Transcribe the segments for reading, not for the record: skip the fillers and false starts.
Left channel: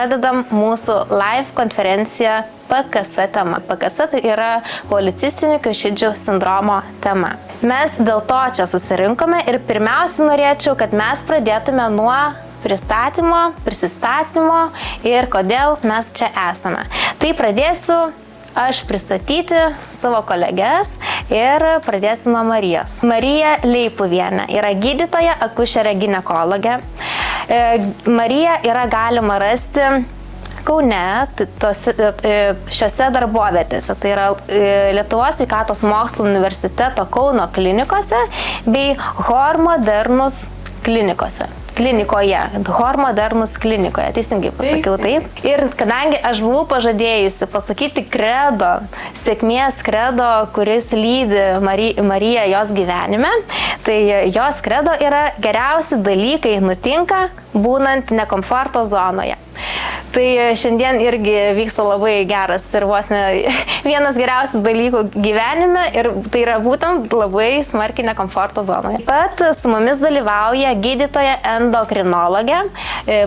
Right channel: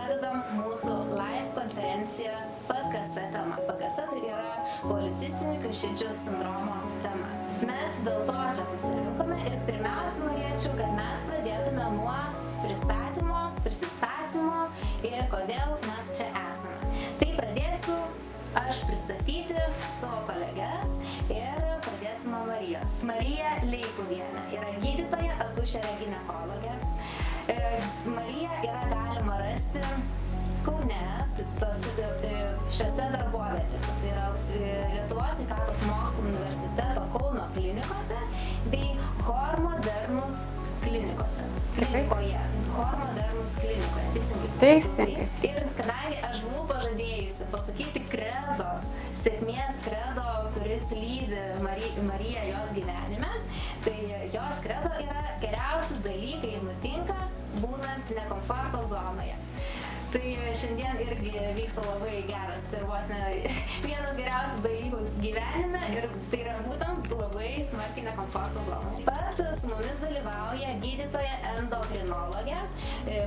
pradedam mūsų live konferenciją PKS tema. PKS tai yra policistinių kiaušidžių sindromo tema. Mes dėl to čia susirinkome ir pirmiausia norėčiau, kad mes pradėtume nuo prisistatymo ir kodėl mes čia esame. Tai pradėsiu aš pristatyti savo kolegės ir pradėsiu nuo Marijos. Marija Leipuvienė yra gydytoja, akušerė ginekologė. Mariją yra galima rasti Kaune, šiose darbovietėse, tai yra Lietuvos sveikatos mokslų universiteto Kauno klinikose bei Hormodernus Hormodernus klinikoje, teisingai pasakiau taip. Ir kadangi aš buvau pažadėjusi pasakyti kredo, sėkmės kredo, kuris lydi Mariją jos gyvenime, tai jos kredo yra geriausi dalykai nutinka būnant nekomforto zonoje. Tai šiandien irgi vyksta labai geras ir vos ne vienas geriausių dalykų gyvenime ir tai yra būtent labai smarkiai nekomforto zonoje. Pat su mumis dalyvauja gydytoja endokrinologė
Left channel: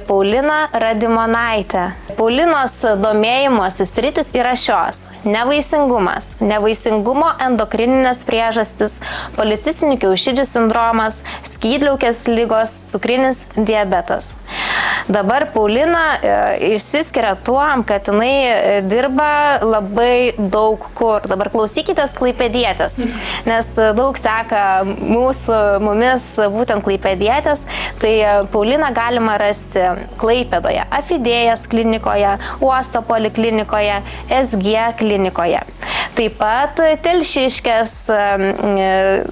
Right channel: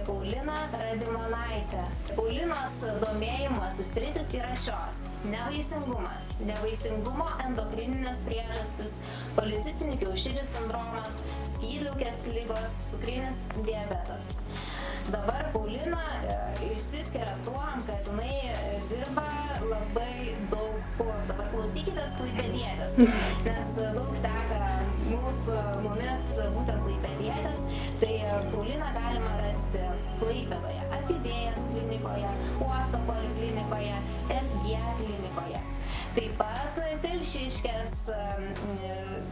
Paulina Radimonaitė. Paulinos domėjimosi sritis yra šios: nevaisingumas, nevaisingumo endokrininės priežastis, policistinių kiaušidžių sindromas, skydliaukės ligos, cukrinis diabetas. Dabar Paulina išsiskiria tuom, kad jinai dirba labai daug kur. Dabar klausykitės klaipėdietės, nes daug seka mumis būtent klaipėdietės. Tai Pauliną galima rasti Klaipėdoje, Afidėjos klinikoje, Uosto poliklinikoje, SG klinikoje. Taip pat Telšiškės,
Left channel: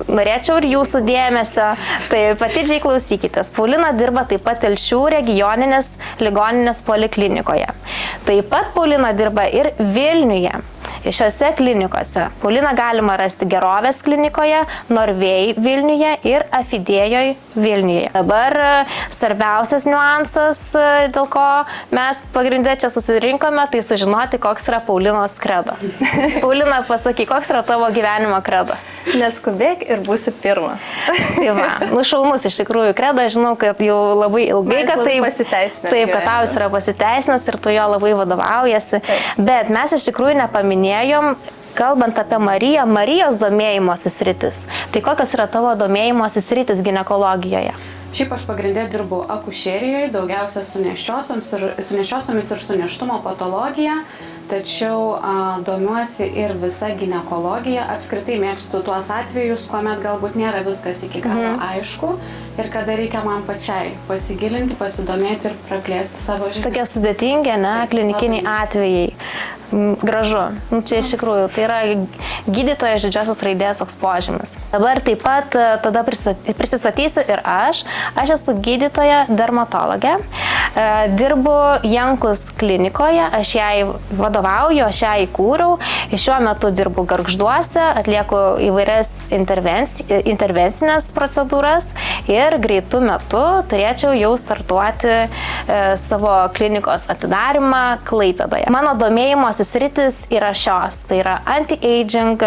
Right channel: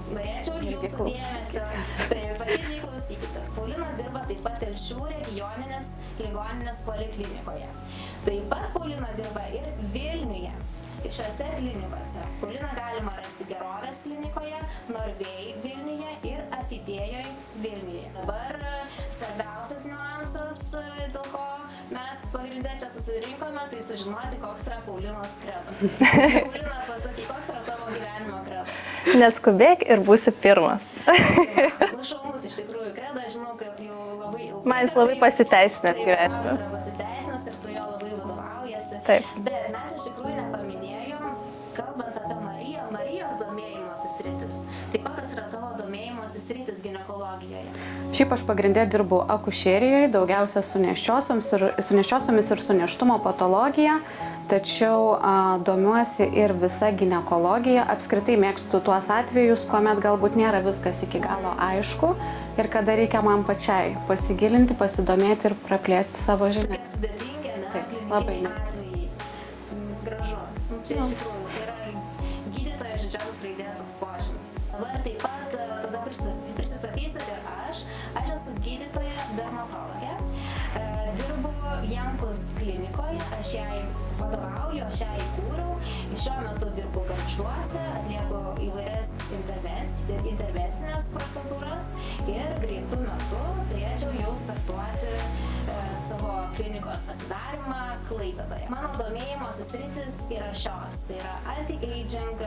norėčiau ir jūsų dėmesio, tai patidžiai klausykitės. Paulina dirba taip pat Telšių regioninės ligoninės poliklinikoje. Taip pat Paulina dirba ir Vilniuje. Šiose klinikose Pauliną galima rasti Gerovės klinikoje, Norvėjai Vilniuje ir Afidėjoj Vilniuje. Dabar svarbiausias niuansas, dėl ko mes pagrindė čia susirinkome, tai sužinoti, koks yra Paulinos kredo. Paulina, pasakyk, koks yra tavo gyvenimo kredo? Neskubėk ir būsi pirmas. Tai va, šaunus iš tikrųjų kredo, žinau, kad jau labai ilgai, kad tai pasiteisinęs. Taip, kad tau jis yra pasiteisinęs ir tu jo labai vadovaujasi. Bet mes iš tikrųjų nepaminėjom, kalbant apie Mariją, Marijos domėjimosi sritis. Tai kokios yra tavo domėjimosi sritis ginekologijoje? Šiaip aš pagrindė dirbu akušerijoje, daugiausia su nėščiosiomis ir su nėštumo patologija, tačiau domiuosi ir visa ginekologija. Apskritai mėgstu tuos atvejus, kuomet galbūt nėra viskas iki galo aišku ir kada reikia man pačiai pasigilinti, pasidomėti ir praplėsti savo žinias. Tokie sudėtingi, ne, klinikiniai atvejai. Gražu. Čia iš tikrųjų, tai yra gydytojas didžiosios raidės toks požymis. Dabar taip pat tada prisistatysiu ir aš. Aš esu gydytoja dermatologė. Dirbu Jankus klinikoje, aš jai vadovauju, aš ją įkūriau. Šiuo metu dirbu Gargžduose, atlieku įvairias intervencinės procedūras ir greitų metu turėčiau jau startuoti savo klinikos atidarimą Klaipėdoje. Mano domėjimosi sritis yra šios, tai yra anti-aging,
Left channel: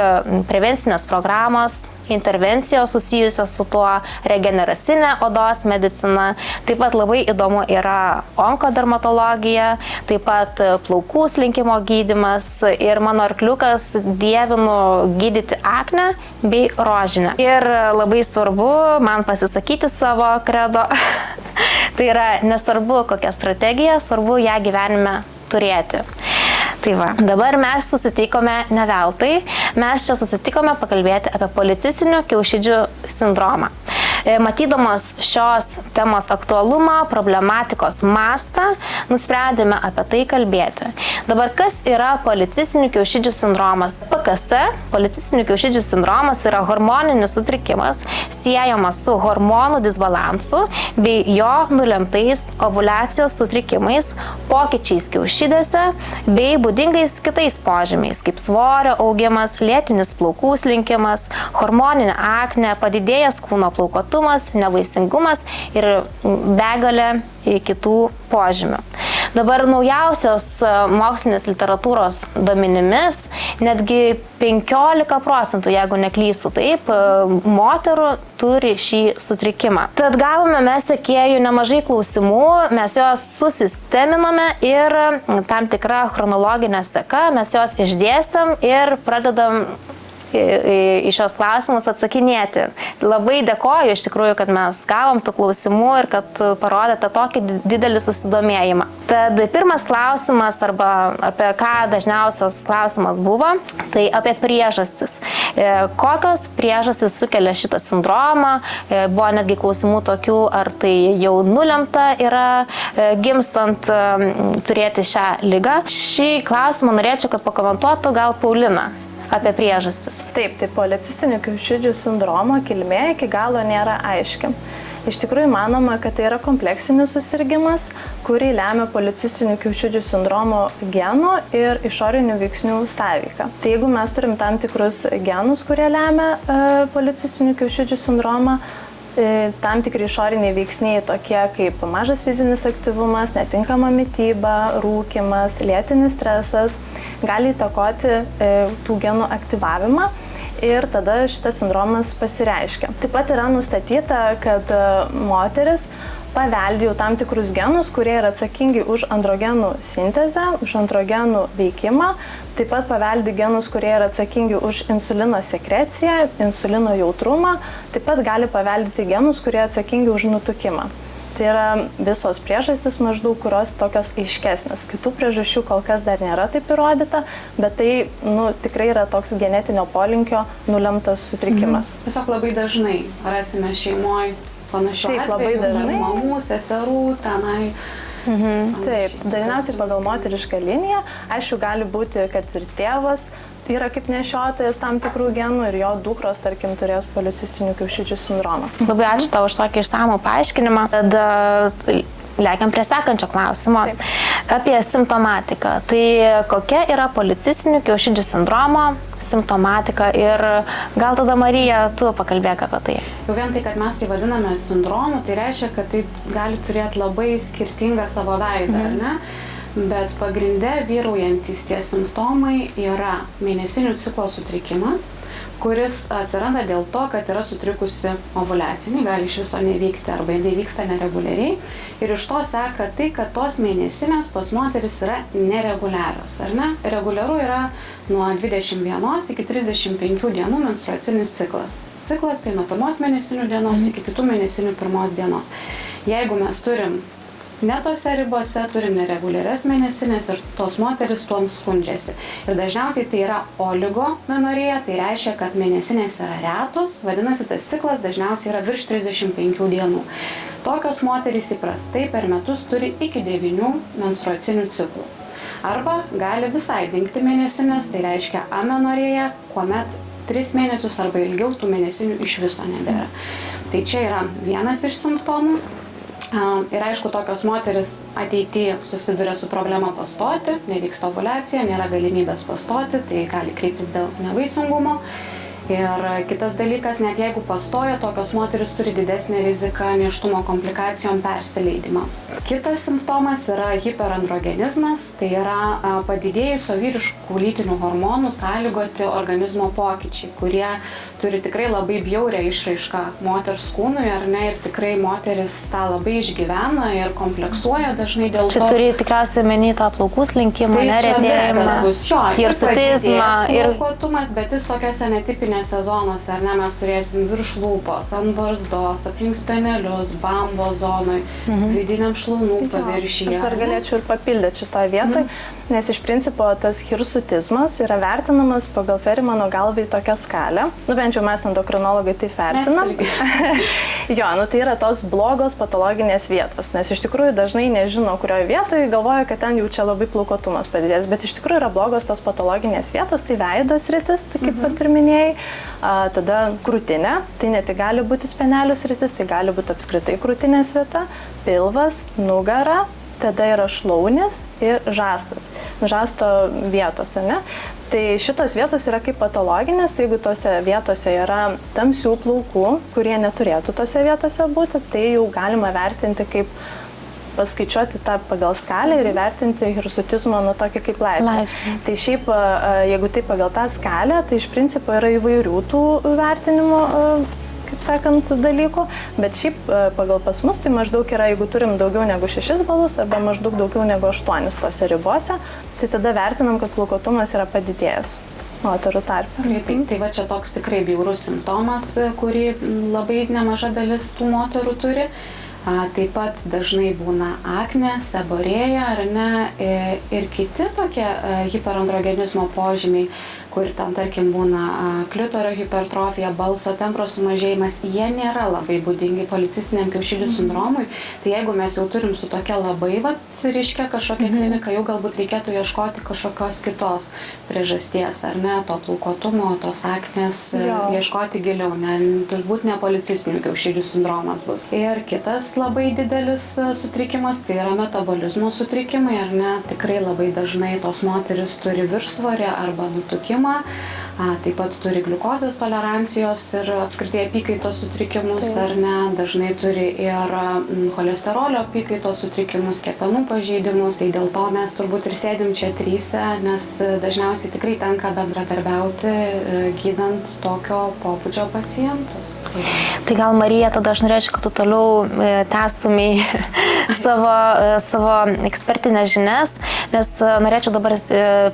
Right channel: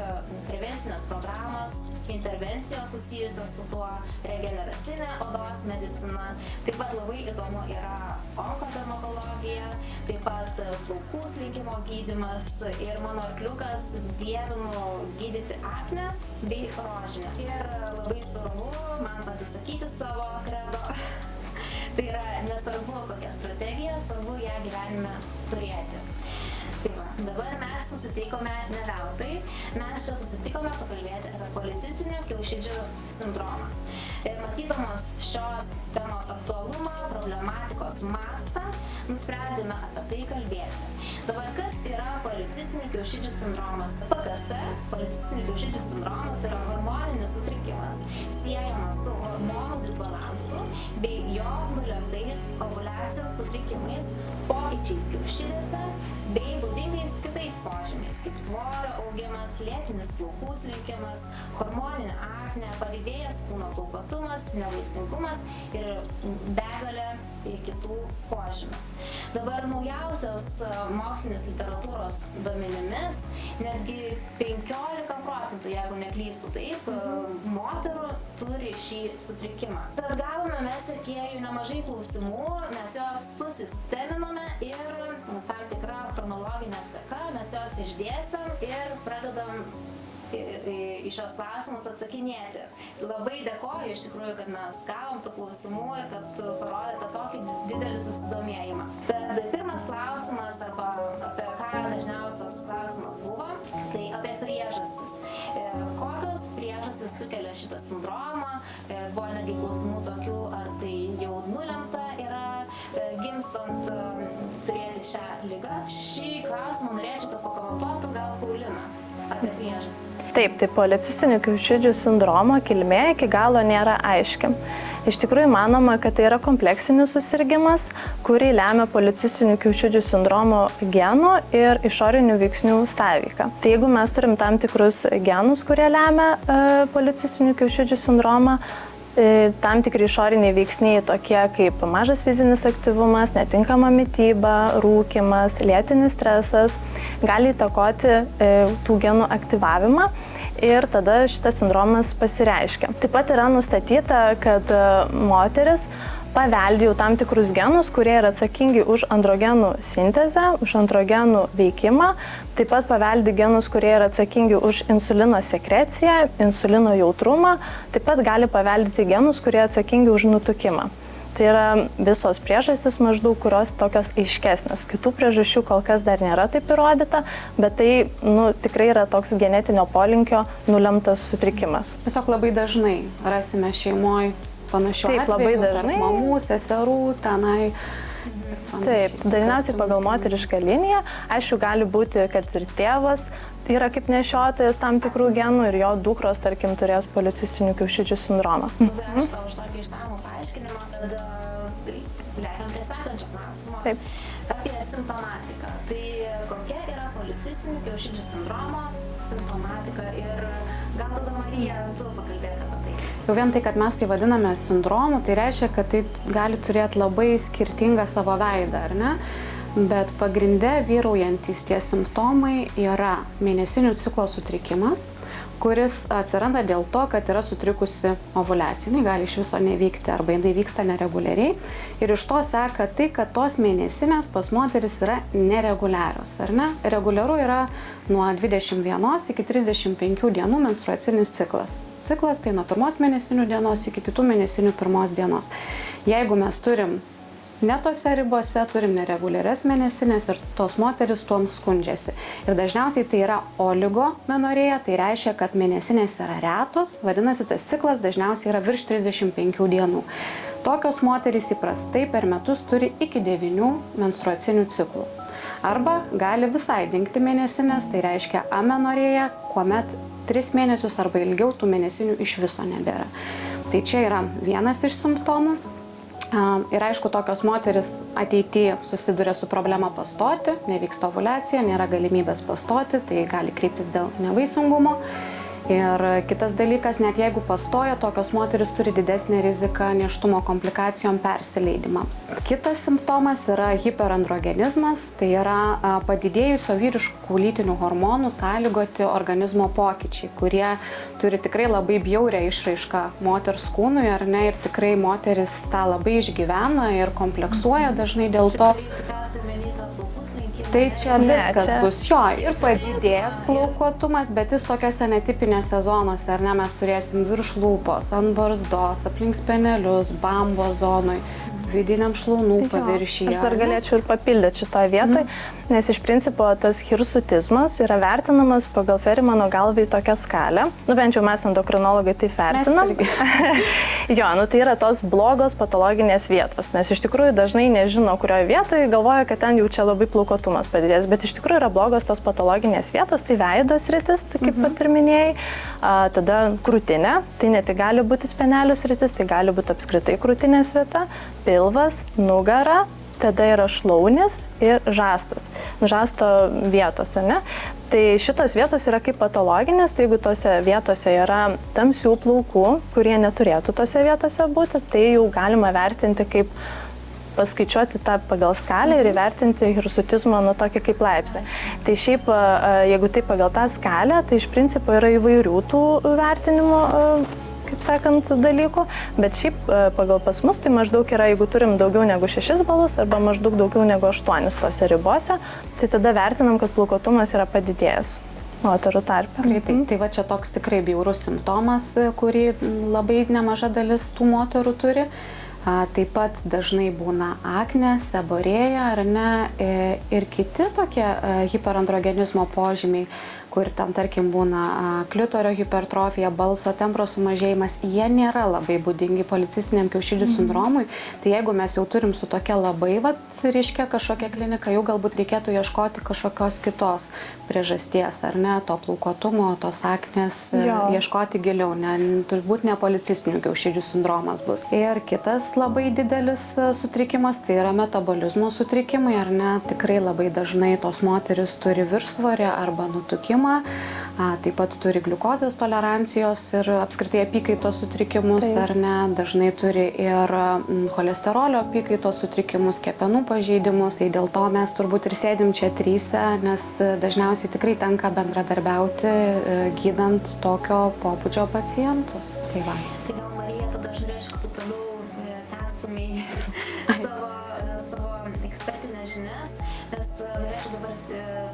prevencinės programos, intervencijos susijusios su tuo, regeneracinė odos medicina, taip pat labai įdomu yra onkodermatologija, taip pat plaukų slinkimo gydymas ir mano arkliukas dievinu gydyti aknę bei rožinę. Ir labai svarbu man pasisakyti savo kredo, tai yra nesvarbu kokia strategija, svarbu ją gyvenime turėti. Tai va, dabar mes susitikome ne veltui, mes čia susitikome pakalbėti apie policistinių kiaušidžių sindromą. Matydamos šios temos aktualumą, problematikos mastą, nusprendėme apie tai kalbėti. Dabar kas yra policistinių kiaušidžių sindromas? PKS, policistinių kiaušidžių sindromas yra hormoninis sutrikimas, siejamas su hormonų disbalansu bei jo nulemtais ovuliacijos sutrikimais, pokyčiais kiaušidėse bei būdingais kitais požymiais, kaip svorio augimas, lėtinis plaukų slinkimas, hormoninė aknė, padidėjęs kūno plaukuotumas, nevaisingumas ir begalė kitų požymių. Dabar naujausios mokslinės literatūros duomenimis netgi 15%, jeigu neklystu taip, moterų turi šį sutrikimą. Tad gavome mes sekėjų nemažai klausimų, mes juos susisteminome ir tam tikrą chronologinę seką mes juos išdėstėm ir pradedam į šios klausimus atsakinėti. Labai dėkoju iš tikrųjų, kad mes gavom tų klausimų ir kad parodėte tokį didelį susidomėjimą. Tad pirmas klausimas, arba apie ką dažniausias klausimas buvo, tai apie priežastis. Kokios priežastis sukelia šitą sindromą? Buvo netgi klausimų tokių, ar tai jau nulemta yra gimstant turėti šią ligą. Šį klausimą norėčiau, kad pakomentuotų gal Paulina apie priežastis. Taip, tai policistinių kiaušidžių sindromo kilmė iki galo nėra aiški. Iš tikrųjų manoma, kad tai yra kompleksinis susirgimas, kurį lemia policistinių kiaušidžių sindromo genų ir išorinių veiksnių sąveika. Tai jeigu mes turim tam tikrus genus, kurie lemia policistinių kiaušidžių sindromą, tam tikri išoriniai veiksniai tokie kaip mažas fizinis aktyvumas, netinkama mityba, rūkymas, lėtinis stresas gali įtakoti tų genų aktyvavimą ir tada šitas sindromas pasireiškia. Taip pat yra nustatyta, kad moteris paveldi jau tam tikrus genus, kurie yra atsakingi už androgenų sintezę, už androgenų veikimą, taip pat paveldi genus, kurie yra atsakingi už insulino sekreciją, insulino jautrumą, taip pat gali paveldyti genus, kurie atsakingi už nutukimą. Tai yra visos priežastys maždaug, kurios tokios aiškesnės. Kitų priežasčių kol kas dar nėra taip įrodyta, bet tai tikrai yra toks genetinio polinkio nulemtas sutrikimas. Tiesiog labai dažnai rasime šeimoje panašių atvejų, labai dažnai. Mamų, seserų, tenai. Taip, dažniausiai pagal moterišką liniją, aišku, gali būti, kad ir tėvas yra kaip nešiotojas tam tikrų genų ir jo dukros, tarkim, turės policistinių kiaušidžių sindromą. Labai ačiū tau už tokį išsamų paaiškinimą. Tad lekiam prie sekančio klausimo. Taip. Apie simptomatiką. Tai kokia yra policistinių kiaušidžių sindromo simptomatika ir gal tada Marija, tu pakalbėk apie tai. Jau vien tai, kad mes tai vadiname sindromu, tai reiškia, kad tai gali turėti labai skirtingą savo veidą, ar ne? Bet pagrinde vyraujantis tie simptomai yra mėnesinių ciklo sutrikimas, kuris atsiranda dėl to, kad yra sutrikusi ovuliacija, gali iš viso nevykti arba jinai vyksta nereguliariai. Ir iš to seka tai, kad tos mėnesinės pas moteris yra nereguliarios, ar ne? Reguliaru yra nuo 21 iki 35 dienų menstruacinis ciklas. Ciklas tai nuo pirmos mėnesinių dienos iki kitų mėnesinių pirmos dienos. Jeigu mes turim ne tose ribose, turim nereguliarias mėnesinės ir tos moteris tuom skundžiasi. Ir dažniausiai tai yra oligomenorėja, tai reiškia, kad mėnesinės yra retos, vadinasi, tas ciklas dažniausiai yra virš 35 dienų. Tokios moterys įprastai per metus turi iki 9 menstruacinių ciklų. Arba gali visai dingti mėnesinės, tai reiškia amenorėja, kuomet 3 mėnesius arba ilgiau tų mėnesinių iš viso nebėra. Tai čia yra vienas iš simptomų. Ir aišku, tokios moteris ateityje susiduria su problema pastoti, nevyksta ovuliacija, nėra galimybės pastoti, tai gali kreiptis dėl nevaisingumo. Ir kitas dalykas, net jeigu pastoja, tokios moteris turi didesnę riziką nėštumo komplikacijom persileidimams. Kitas simptomas yra hiperandrogenizmas, tai yra padidėjusio vyriškų lytinių hormonų sąlygoti organizmo pokyčiai, kurie turi tikrai labai bjaurią išraišką moters kūnui, ar ne, ir tikrai moteris tą labai išgyvena ir kompleksuoja dažnai dėl to. Čia turi tikriausiai menį tą plaukų slinkimą, tai čia viskas bus, jo, ir padidės plaukuotumas, bet jis tokiose netipinėse zonose, ar ne, mes turėsim virš lūpos, ant barzdos, aplink spenelius, bambo zonoj, vidiniam šlaunų paviršyje. Aš dar galėčiau ir papildyti šitoje vietoje, nes iš principo tas hirsutizmas yra vertinamas pagal Ferimano galvai tokią skalę. Bent jau mes endokrinologai tai vertinam. Jo, tai yra tos blogos patologinės vietos, nes iš tikrųjų dažnai nežino, kurioje vietoje, galvoja, kad ten jau čia labai plaukuotumas padidės, bet iš tikrųjų yra blogos tos patologinės vietos, tai veido sritis, tai kaip pat ir minėjai, tada krūtinė, tai ne tik gali būti spenelių sritis, tai gali būti apskritai krūtinės vieta, pilvas, nugara, tada yra šlaunis ir žastas, žasto vietos, ne? Tai šitos vietos yra kaip patologinės, tai jeigu tose vietose yra tamsių plaukų, kurie neturėtų tose vietose būti, tai jau galima vertinti kaip paskaičiuoti tą pagal skalę ir įvertinti hirsutizmo tokį kaip laipsnį. Tai šiaip, jeigu tai pagal tą skalę, tai iš principo yra įvairių tų vertinimo, kaip sakant, dalykų, bet šiaip pagal pas mus tai maždaug yra, jeigu turim daugiau negu 6 balus arba maždaug daugiau negu 8 tose ribose, tai tada vertinam, kad plaukuotumas yra padidėjęs moterų tarpe. Tai va čia toks tikrai bjaurus simptomas, kurį labai nemaža dalis tų moterų turi. Taip pat dažnai būna aknė, seborėja ar ne, ir kiti tokie hiperandrogenizmo požymiai, kur ten, tarkim, būna klitorio hipertrofija, balso tembro sumažėjimas, jie nėra labai būdingi policistiniam kiaušidžių sindromui. Tai jeigu mes jau turim su tokia labai, ryškia kažkokia klinika, jau galbūt reikėtų ieškoti kažkokios kitos priežasties, ar ne, to plaukuotumo, tos aknės, ieškoti giliau, turbūt ne policistinių kiaušidžių sindromas bus. Ir kitas labai didelis sutrikimas, tai yra metabolizmo sutrikimai, ar ne, tikrai labai dažnai tos moteris turi viršsvorį arba nutukimą. Taip pat turi gliukozės tolerancijos ir apskritai apykaitos sutrikimus, ar ne, dažnai turi ir cholesterolio apykaitos sutrikimus, kepenų pažeidimus. Tai dėl to mes turbūt ir sėdim čia tryse, nes dažniausiai tikrai tenka bendradarbiauti gydant tokio pobūdžio pacientus. Tai gal, Marija, tada aš norėčiau, kad tu toliau tęstumei savo ekspertinės žinias, nes norėčiau dabar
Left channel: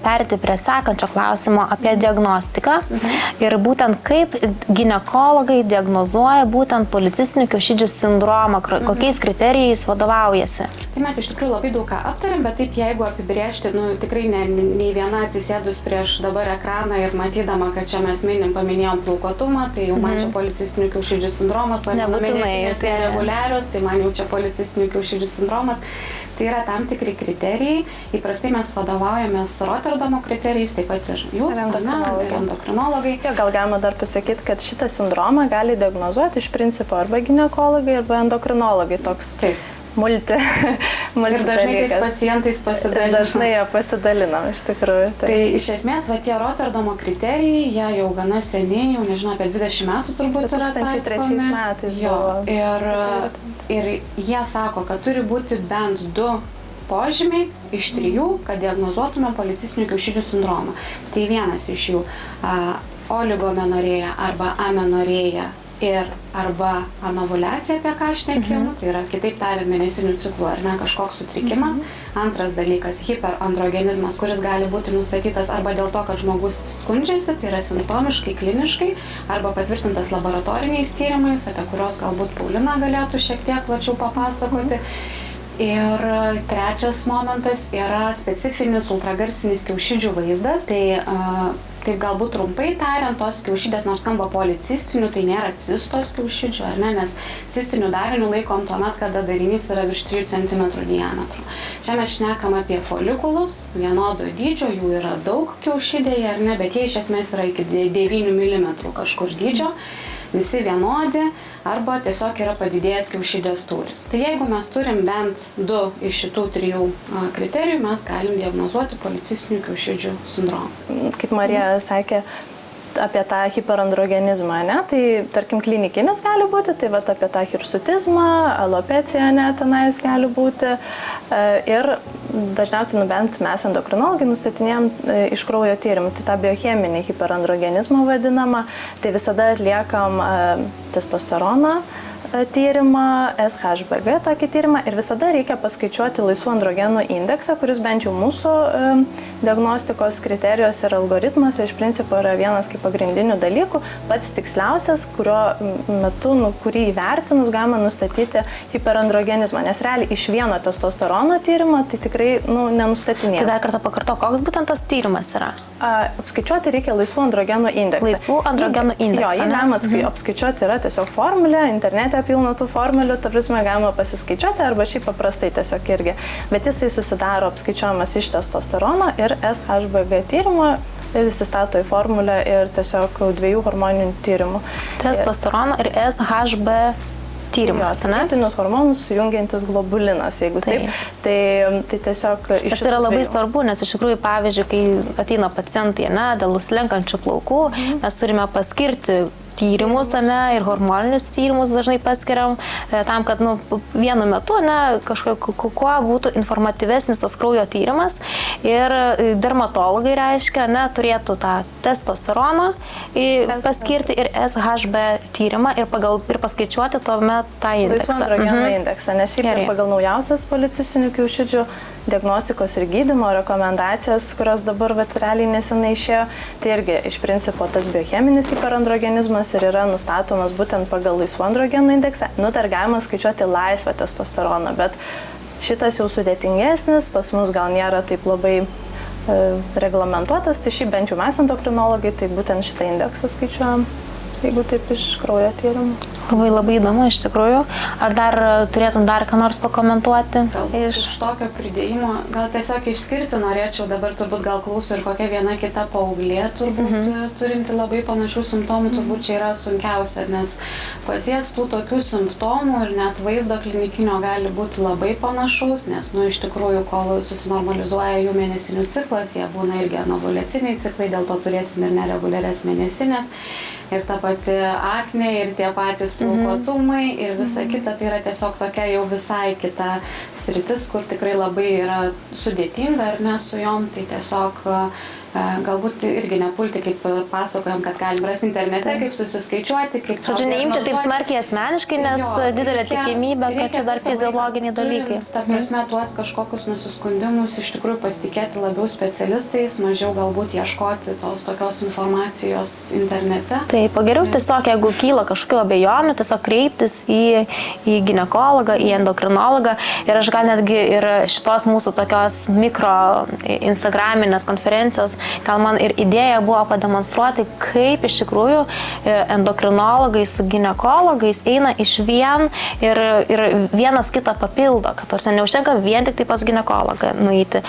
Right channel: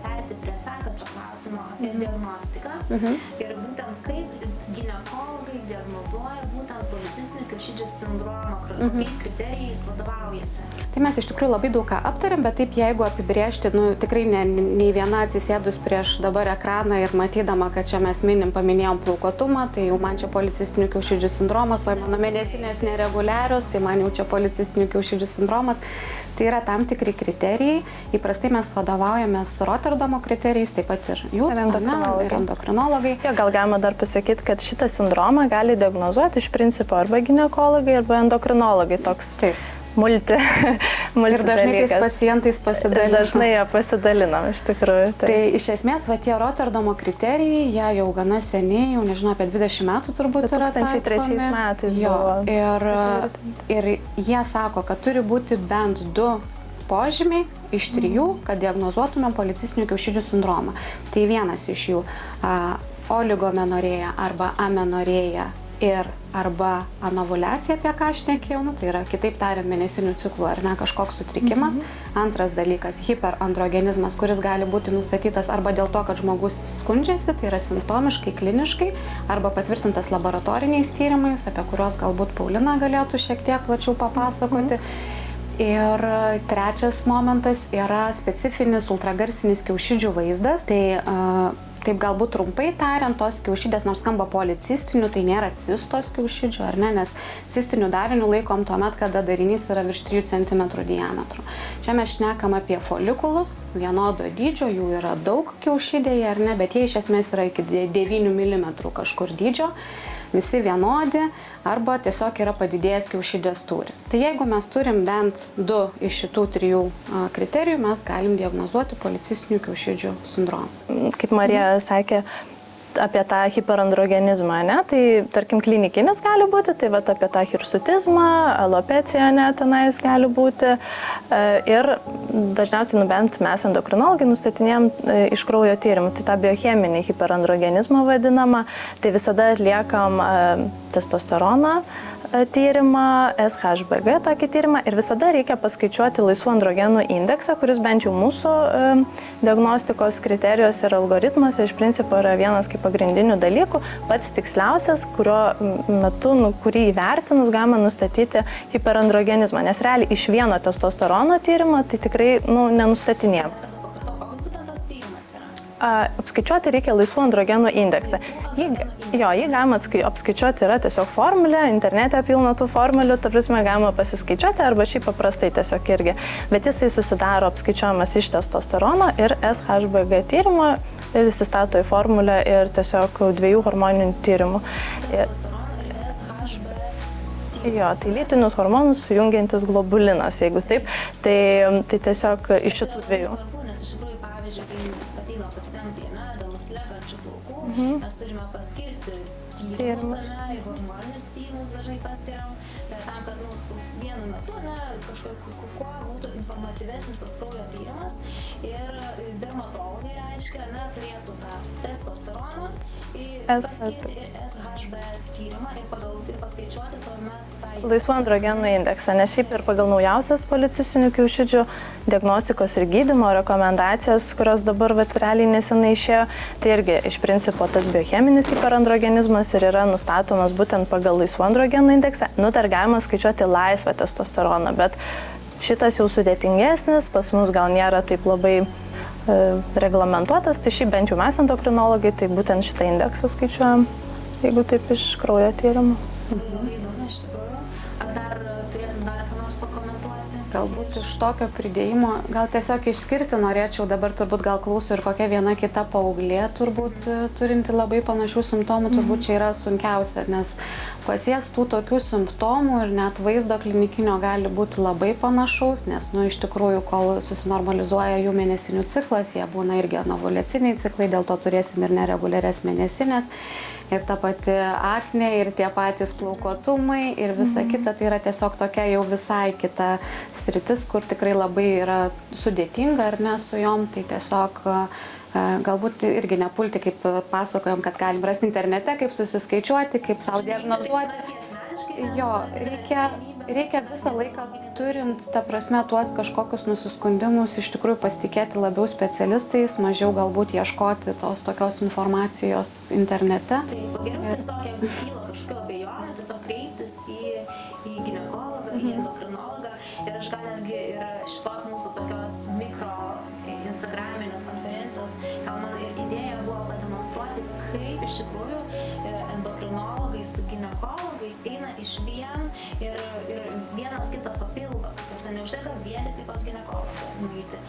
perėti prie sekančio klausimo apie diagnostiką ir būtent kaip ginekologai diagnozuoja būtent policistinių kiaušidžių sindromą, kokiais kriterijais vadovaujasi. Tai mes iš tikrųjų labai daug ką aptarėm, bet taip jeigu apibrėžti, tikrai nei viena atsisėdus prieš dabar ekraną ir matydama, kad čia mes paminėjom plaukuotumą, tai jau man čia policistinių kiaušidžių sindromas, o mano mėnesinės nereguliarios, tai man jau čia policistinių kiaušidžių sindromas. Tai yra tam tikri kriterijai. Įprastai mes vadovaujamės Rotterdamo kriterijais, taip pat ir jūs, ir endokrinologai. Gal galima dar pasakyti, kad šitą sindromą gali diagnozuoti iš principo arba ginekologai, arba endokrinologai. Toks ir dažnai tais pacientais pasidalinam. Dažnai jie pasidalinam, iš tikrųjų. Tai iš esmės, tie Rotterdamo kriterijai, jie jau gana seniai, jau nežinau, apie 20 metų turbūt yra taikomi. 2003 metais buvo. Ir jie sako, kad turi būti bent 2 požymiai iš 3, kad diagnozuotume policistinių kiaušidžių sindromą. Tai vienas iš jų oligomenorėja arba amenorėja ir arba anovuliacija, apie ką aš šnekėjau, tai yra, kitaip tariant, mėnesinių ciklų, ar ne, kažkoks sutrikimas. Antras dalykas - hiperandrogenizmas, kuris gali būti nustatytas arba dėl to, kad žmogus skundžiasi, tai yra simptomiškai, kliniškai, arba patvirtintas laboratoriniais tyrimais, apie kuriuos galbūt Paulina galėtų šiek tiek plačiau papasakoti. Ir trečias momentas yra specifinis ultragarsinis kiaušidžių vaizdas. Tai taip galbūt trumpai tariant, tos kiaušidės, nors skamba policistinių, tai nėra cistos kiaušidžių, ar ne, nes cistinių darinių laikom tuomet, kada darinys yra virš 3 cm diametro. Čia mes šnekam apie folikulus, vienodo dydžio, jų yra daug kiaušidėje, ar ne, bet jie iš esmės yra iki 9 mm kažkur dydžio. Visi vienodi arba tiesiog yra padidėjęs kiaušidės tūris. Tai jeigu mes turim bent 2 iš šitų 3 kriterijų, mes galim diagnozuoti policistinių kiaušidžių sindromą. Kaip Marija sakė apie tą hiperandrogenizmą, ne? Tai tarkim klinikinis gali būti, tai vat apie tą hirsutizmą, alopeciją, ne, tenais gali būti. Ir dažniausiai, bent mes endokrinologai nustatinėjom iš kraujo tyrimų, tai tą biocheminį hiperandrogenizmą vadinamą, tai visada atliekam testosteroną tyrimą, SHBG tokį tyrimą ir visada reikia paskaičiuoti laisvų androgenų indeksą, kuris bent jau mūsų diagnostikos kriterijos ir algoritmuose iš principo yra vienas kaip pagrindinių dalykų, pats tiksliausias, kurio metu, kurį įvertinus galima nustatyti hiperandrogenizmą, nes realiai iš vieno testosterono tyrimo tai tikrai nenustatinėjama. Tai dar kartą pakarto, koks būtent tas tyrimas yra? Apskaičiuoti reikia laisvų androgenų indeksą. Laisvų androgenų indeksą. Jo, jį galima apskaičiuoti, yra tiesiog formulė, internete pilna tų formulių, ta prasme galima pasiskaičiuoti arba šiaip paprastai tiesiog irgi. Bet jisai susidaro apskaičiuojamas iš testosterono ir SHBG tyrimo ir įsistato į formulę ir tiesiog 2 hormoninių tyrimų. Testosterono ir SHB tyrimas. Jo, tai lytinius hormonus sujungiantis globulinas, jeigu taip. Tai tiesiog iš šitų yra labai svarbu, nes iš tikrųjų, pavyzdžiui, kai ateina pacientai, dėl slenkančių plaukų, mes turime paskirti tyrimus, ne, ir hormoninius tyrimus dažnai paskiriam, tam, kad vienu metu, ne, kuo būtų informatyvesnis tas kraujo tyrimas. Ir dermatologai reiškia, ne, turėtų tą testosteroną paskirti ir SHB tyrimą ir paskaičiuoti tuomet tą indeksą. Laisvų androgenų indeksą, nes šiaip ir pagal naujausias policistinių kiaušidžių diagnostikos ir gydymo rekomendacijas, kurios dabar realiai nesenai išėjo, tai irgi iš principo tas biocheminis hiperandrogenizmas ir yra nustatomas būtent pagal laisvų androgenų indeksą. Dar galima skaičiuoti laisvą testosteroną, bet šitas jau sudėtingesnis, pas mus gal nėra taip labai reglamentuotas, tai šiaip bent jau mes endokrinologai, tai būtent šitą indeksą skaičiuojam, jeigu taip iš kraujo tyrimų. Labai įdomu iš tikrųjų. Ar dar turėtum dar ką nors pakomentuoti? Galbūt iš tokio pridėjimo, gal tiesiog išskirti norėčiau, dabar turbūt gal klauso ir kokia viena kita paauglė, turbūt turinti labai panašių simptomų, turbūt čia yra sunkiausia, nes pas jas tų tokių simptomų ir net vaizdo klinikinio gali būti labai panašaus, nes, iš tikrųjų, kol susinormalizuoja jų mėnesinių ciklas, jie būna irgi anovoliaciniai ciklai, dėl to turėsim ir nereguliarias mėnesinės. Ir ta pati aknė, ir tie patys plaukotumai, ir visa kita, tai yra tiesiog tokia jau visai kita sritis, kur tikrai labai yra sudėtinga, ar ne, su jom, tai tiesiog galbūt irgi nepulti, kaip pasakojom, kad galim rasti internete, kaip susiskaičiuoti, kaip savo diagnozuoti. Neimti taip smarkiai asmeniškai, nes didelė tikimybė, kad čia dar fiziologiniai dalykai. Ta prasme, tuos kažkokius nusiskundimus iš tikrųjų pasitikėti labiau specialistais, mažiau galbūt ieškoti tos tokios informacijos internete. Taip, geriau tiesiog, jeigu kyla kažkokių abejonių, tiesiog kreiptis į ginekologą, į endokrinologą. Ir aš gal netgi ir šitos mūsų tokios mikro instagraminės konferencijos, gal man ir idėja buvo pademonstruoti, kaip iš tikrųjų endokrinologai su ginekologais eina iš vien ir vienas kitą papildo, kad tarsi neužtenka vien tik tai pas ginekologą nueiti,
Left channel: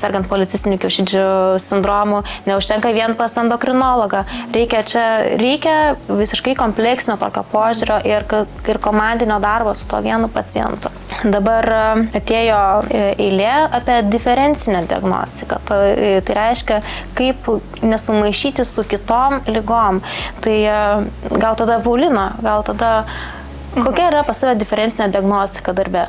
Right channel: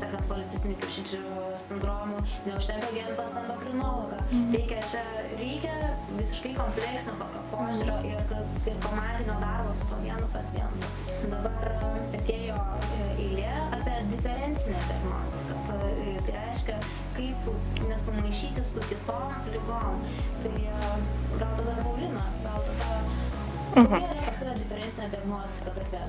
sergant policistinių kiaušidžių sindromu, neužtenka vien pas endokrinologą. Reikia visiškai kompleksinio tokio požiūrio ir komandinio darbo su to vienu pacientu. Dabar atėjo eilė apie diferencinę diagnostiką. Tai reiškia, kaip nesumaišyti su kitom ligom. Tai gal tada, Paulina, kokia yra pas tave diferencinė diagnostika darbe?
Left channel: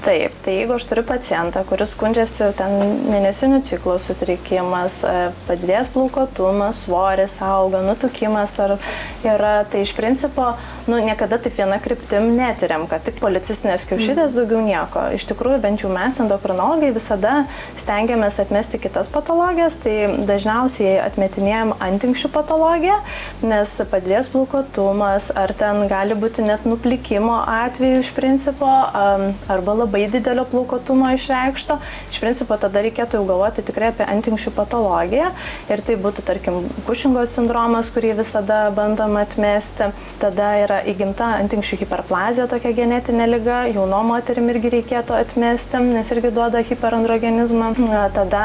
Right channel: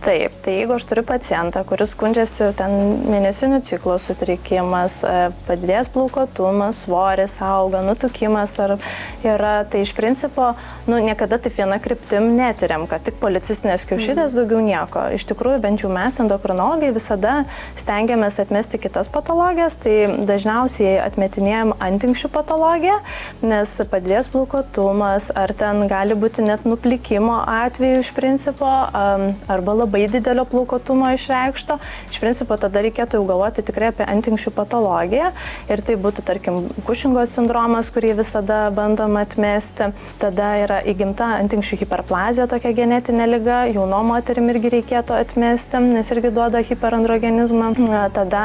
Taip, tai jeigu aš turiu pacientą, kuris skundžiasi ten mėnesinių ciklo sutrikimas, padidėjęs plaukotumas, svoris auga, nutukimas ar yra, tai iš principo, niekada taip viena kryptim netyriam, kad tik policistinės kiaušidės, daugiau nieko. Iš tikrųjų, bent jau mes, endokrinologai, visada stengiamės atmesti kitas patologijas, tai dažniausiai atmetinėjam antinkščių patologiją, nes padidėjęs plaukotumas, ar ten gali būti net nuplikimo atveju iš principo, arba labai didelio plaukotumo išreikšto. Iš principo tada reikėtų jau galvoti tikrai apie antinkščių patologiją ir tai būtų, tarkim, Kušingo sindromas, kurį visada bandom atmesti. Tada yra įgimta antinkščių hiperplazija, tokia genetinė liga, jaunom moterim irgi reikėtų atmesti, nes irgi duoda hiperandrogenizmą. Tada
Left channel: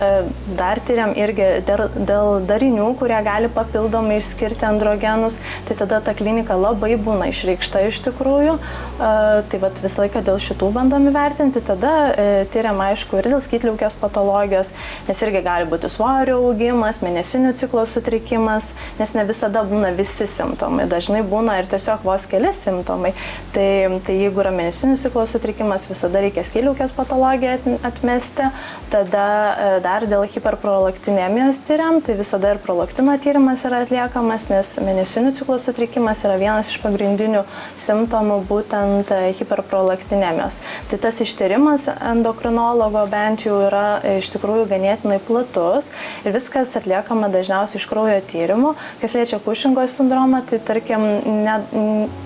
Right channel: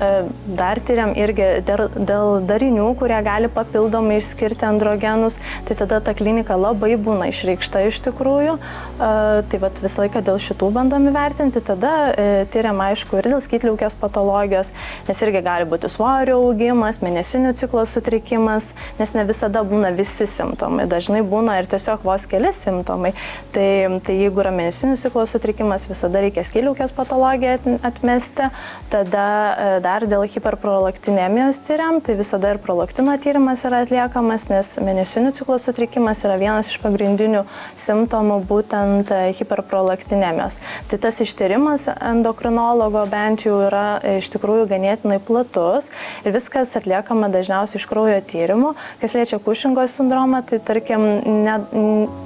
dar tyriam irgi dėl darinių, kurie gali papildomai išskirti androgenus, tai tada ta klinika labai būna išreikšta iš tikrųjų. Tai vat visą laiką dėl šitų bandom įvertinti, tada tyriam aišku ir dėl skydliaukės patologijos, nes irgi gali būti svorio augimas, mėnesinių ciklo sutrikimas, nes ne visada būna visi simptomai, dažnai būna ir tiesiog vos keli simptomai. Tai jeigu yra mėnesinių ciklo sutrikimas, visada reikia skydliaukės patologiją atmesti, tada dar dėl hiperprolaktinemijos tyriam, tai visada ir prolaktino tyrimas yra atliekamas, nes mėnesinių ciklo sutrikimas yra vienas iš pagrindinių simptomų būtent hiperprolaktinemijos. Tai tas ištyrimas endokrinologo bent jau yra iš tikrųjų ganėtinai platus ir viskas atliekama dažniausiai iš kraujo tyrimų. Kas liečia Kušingo sindromą, tai tarkim,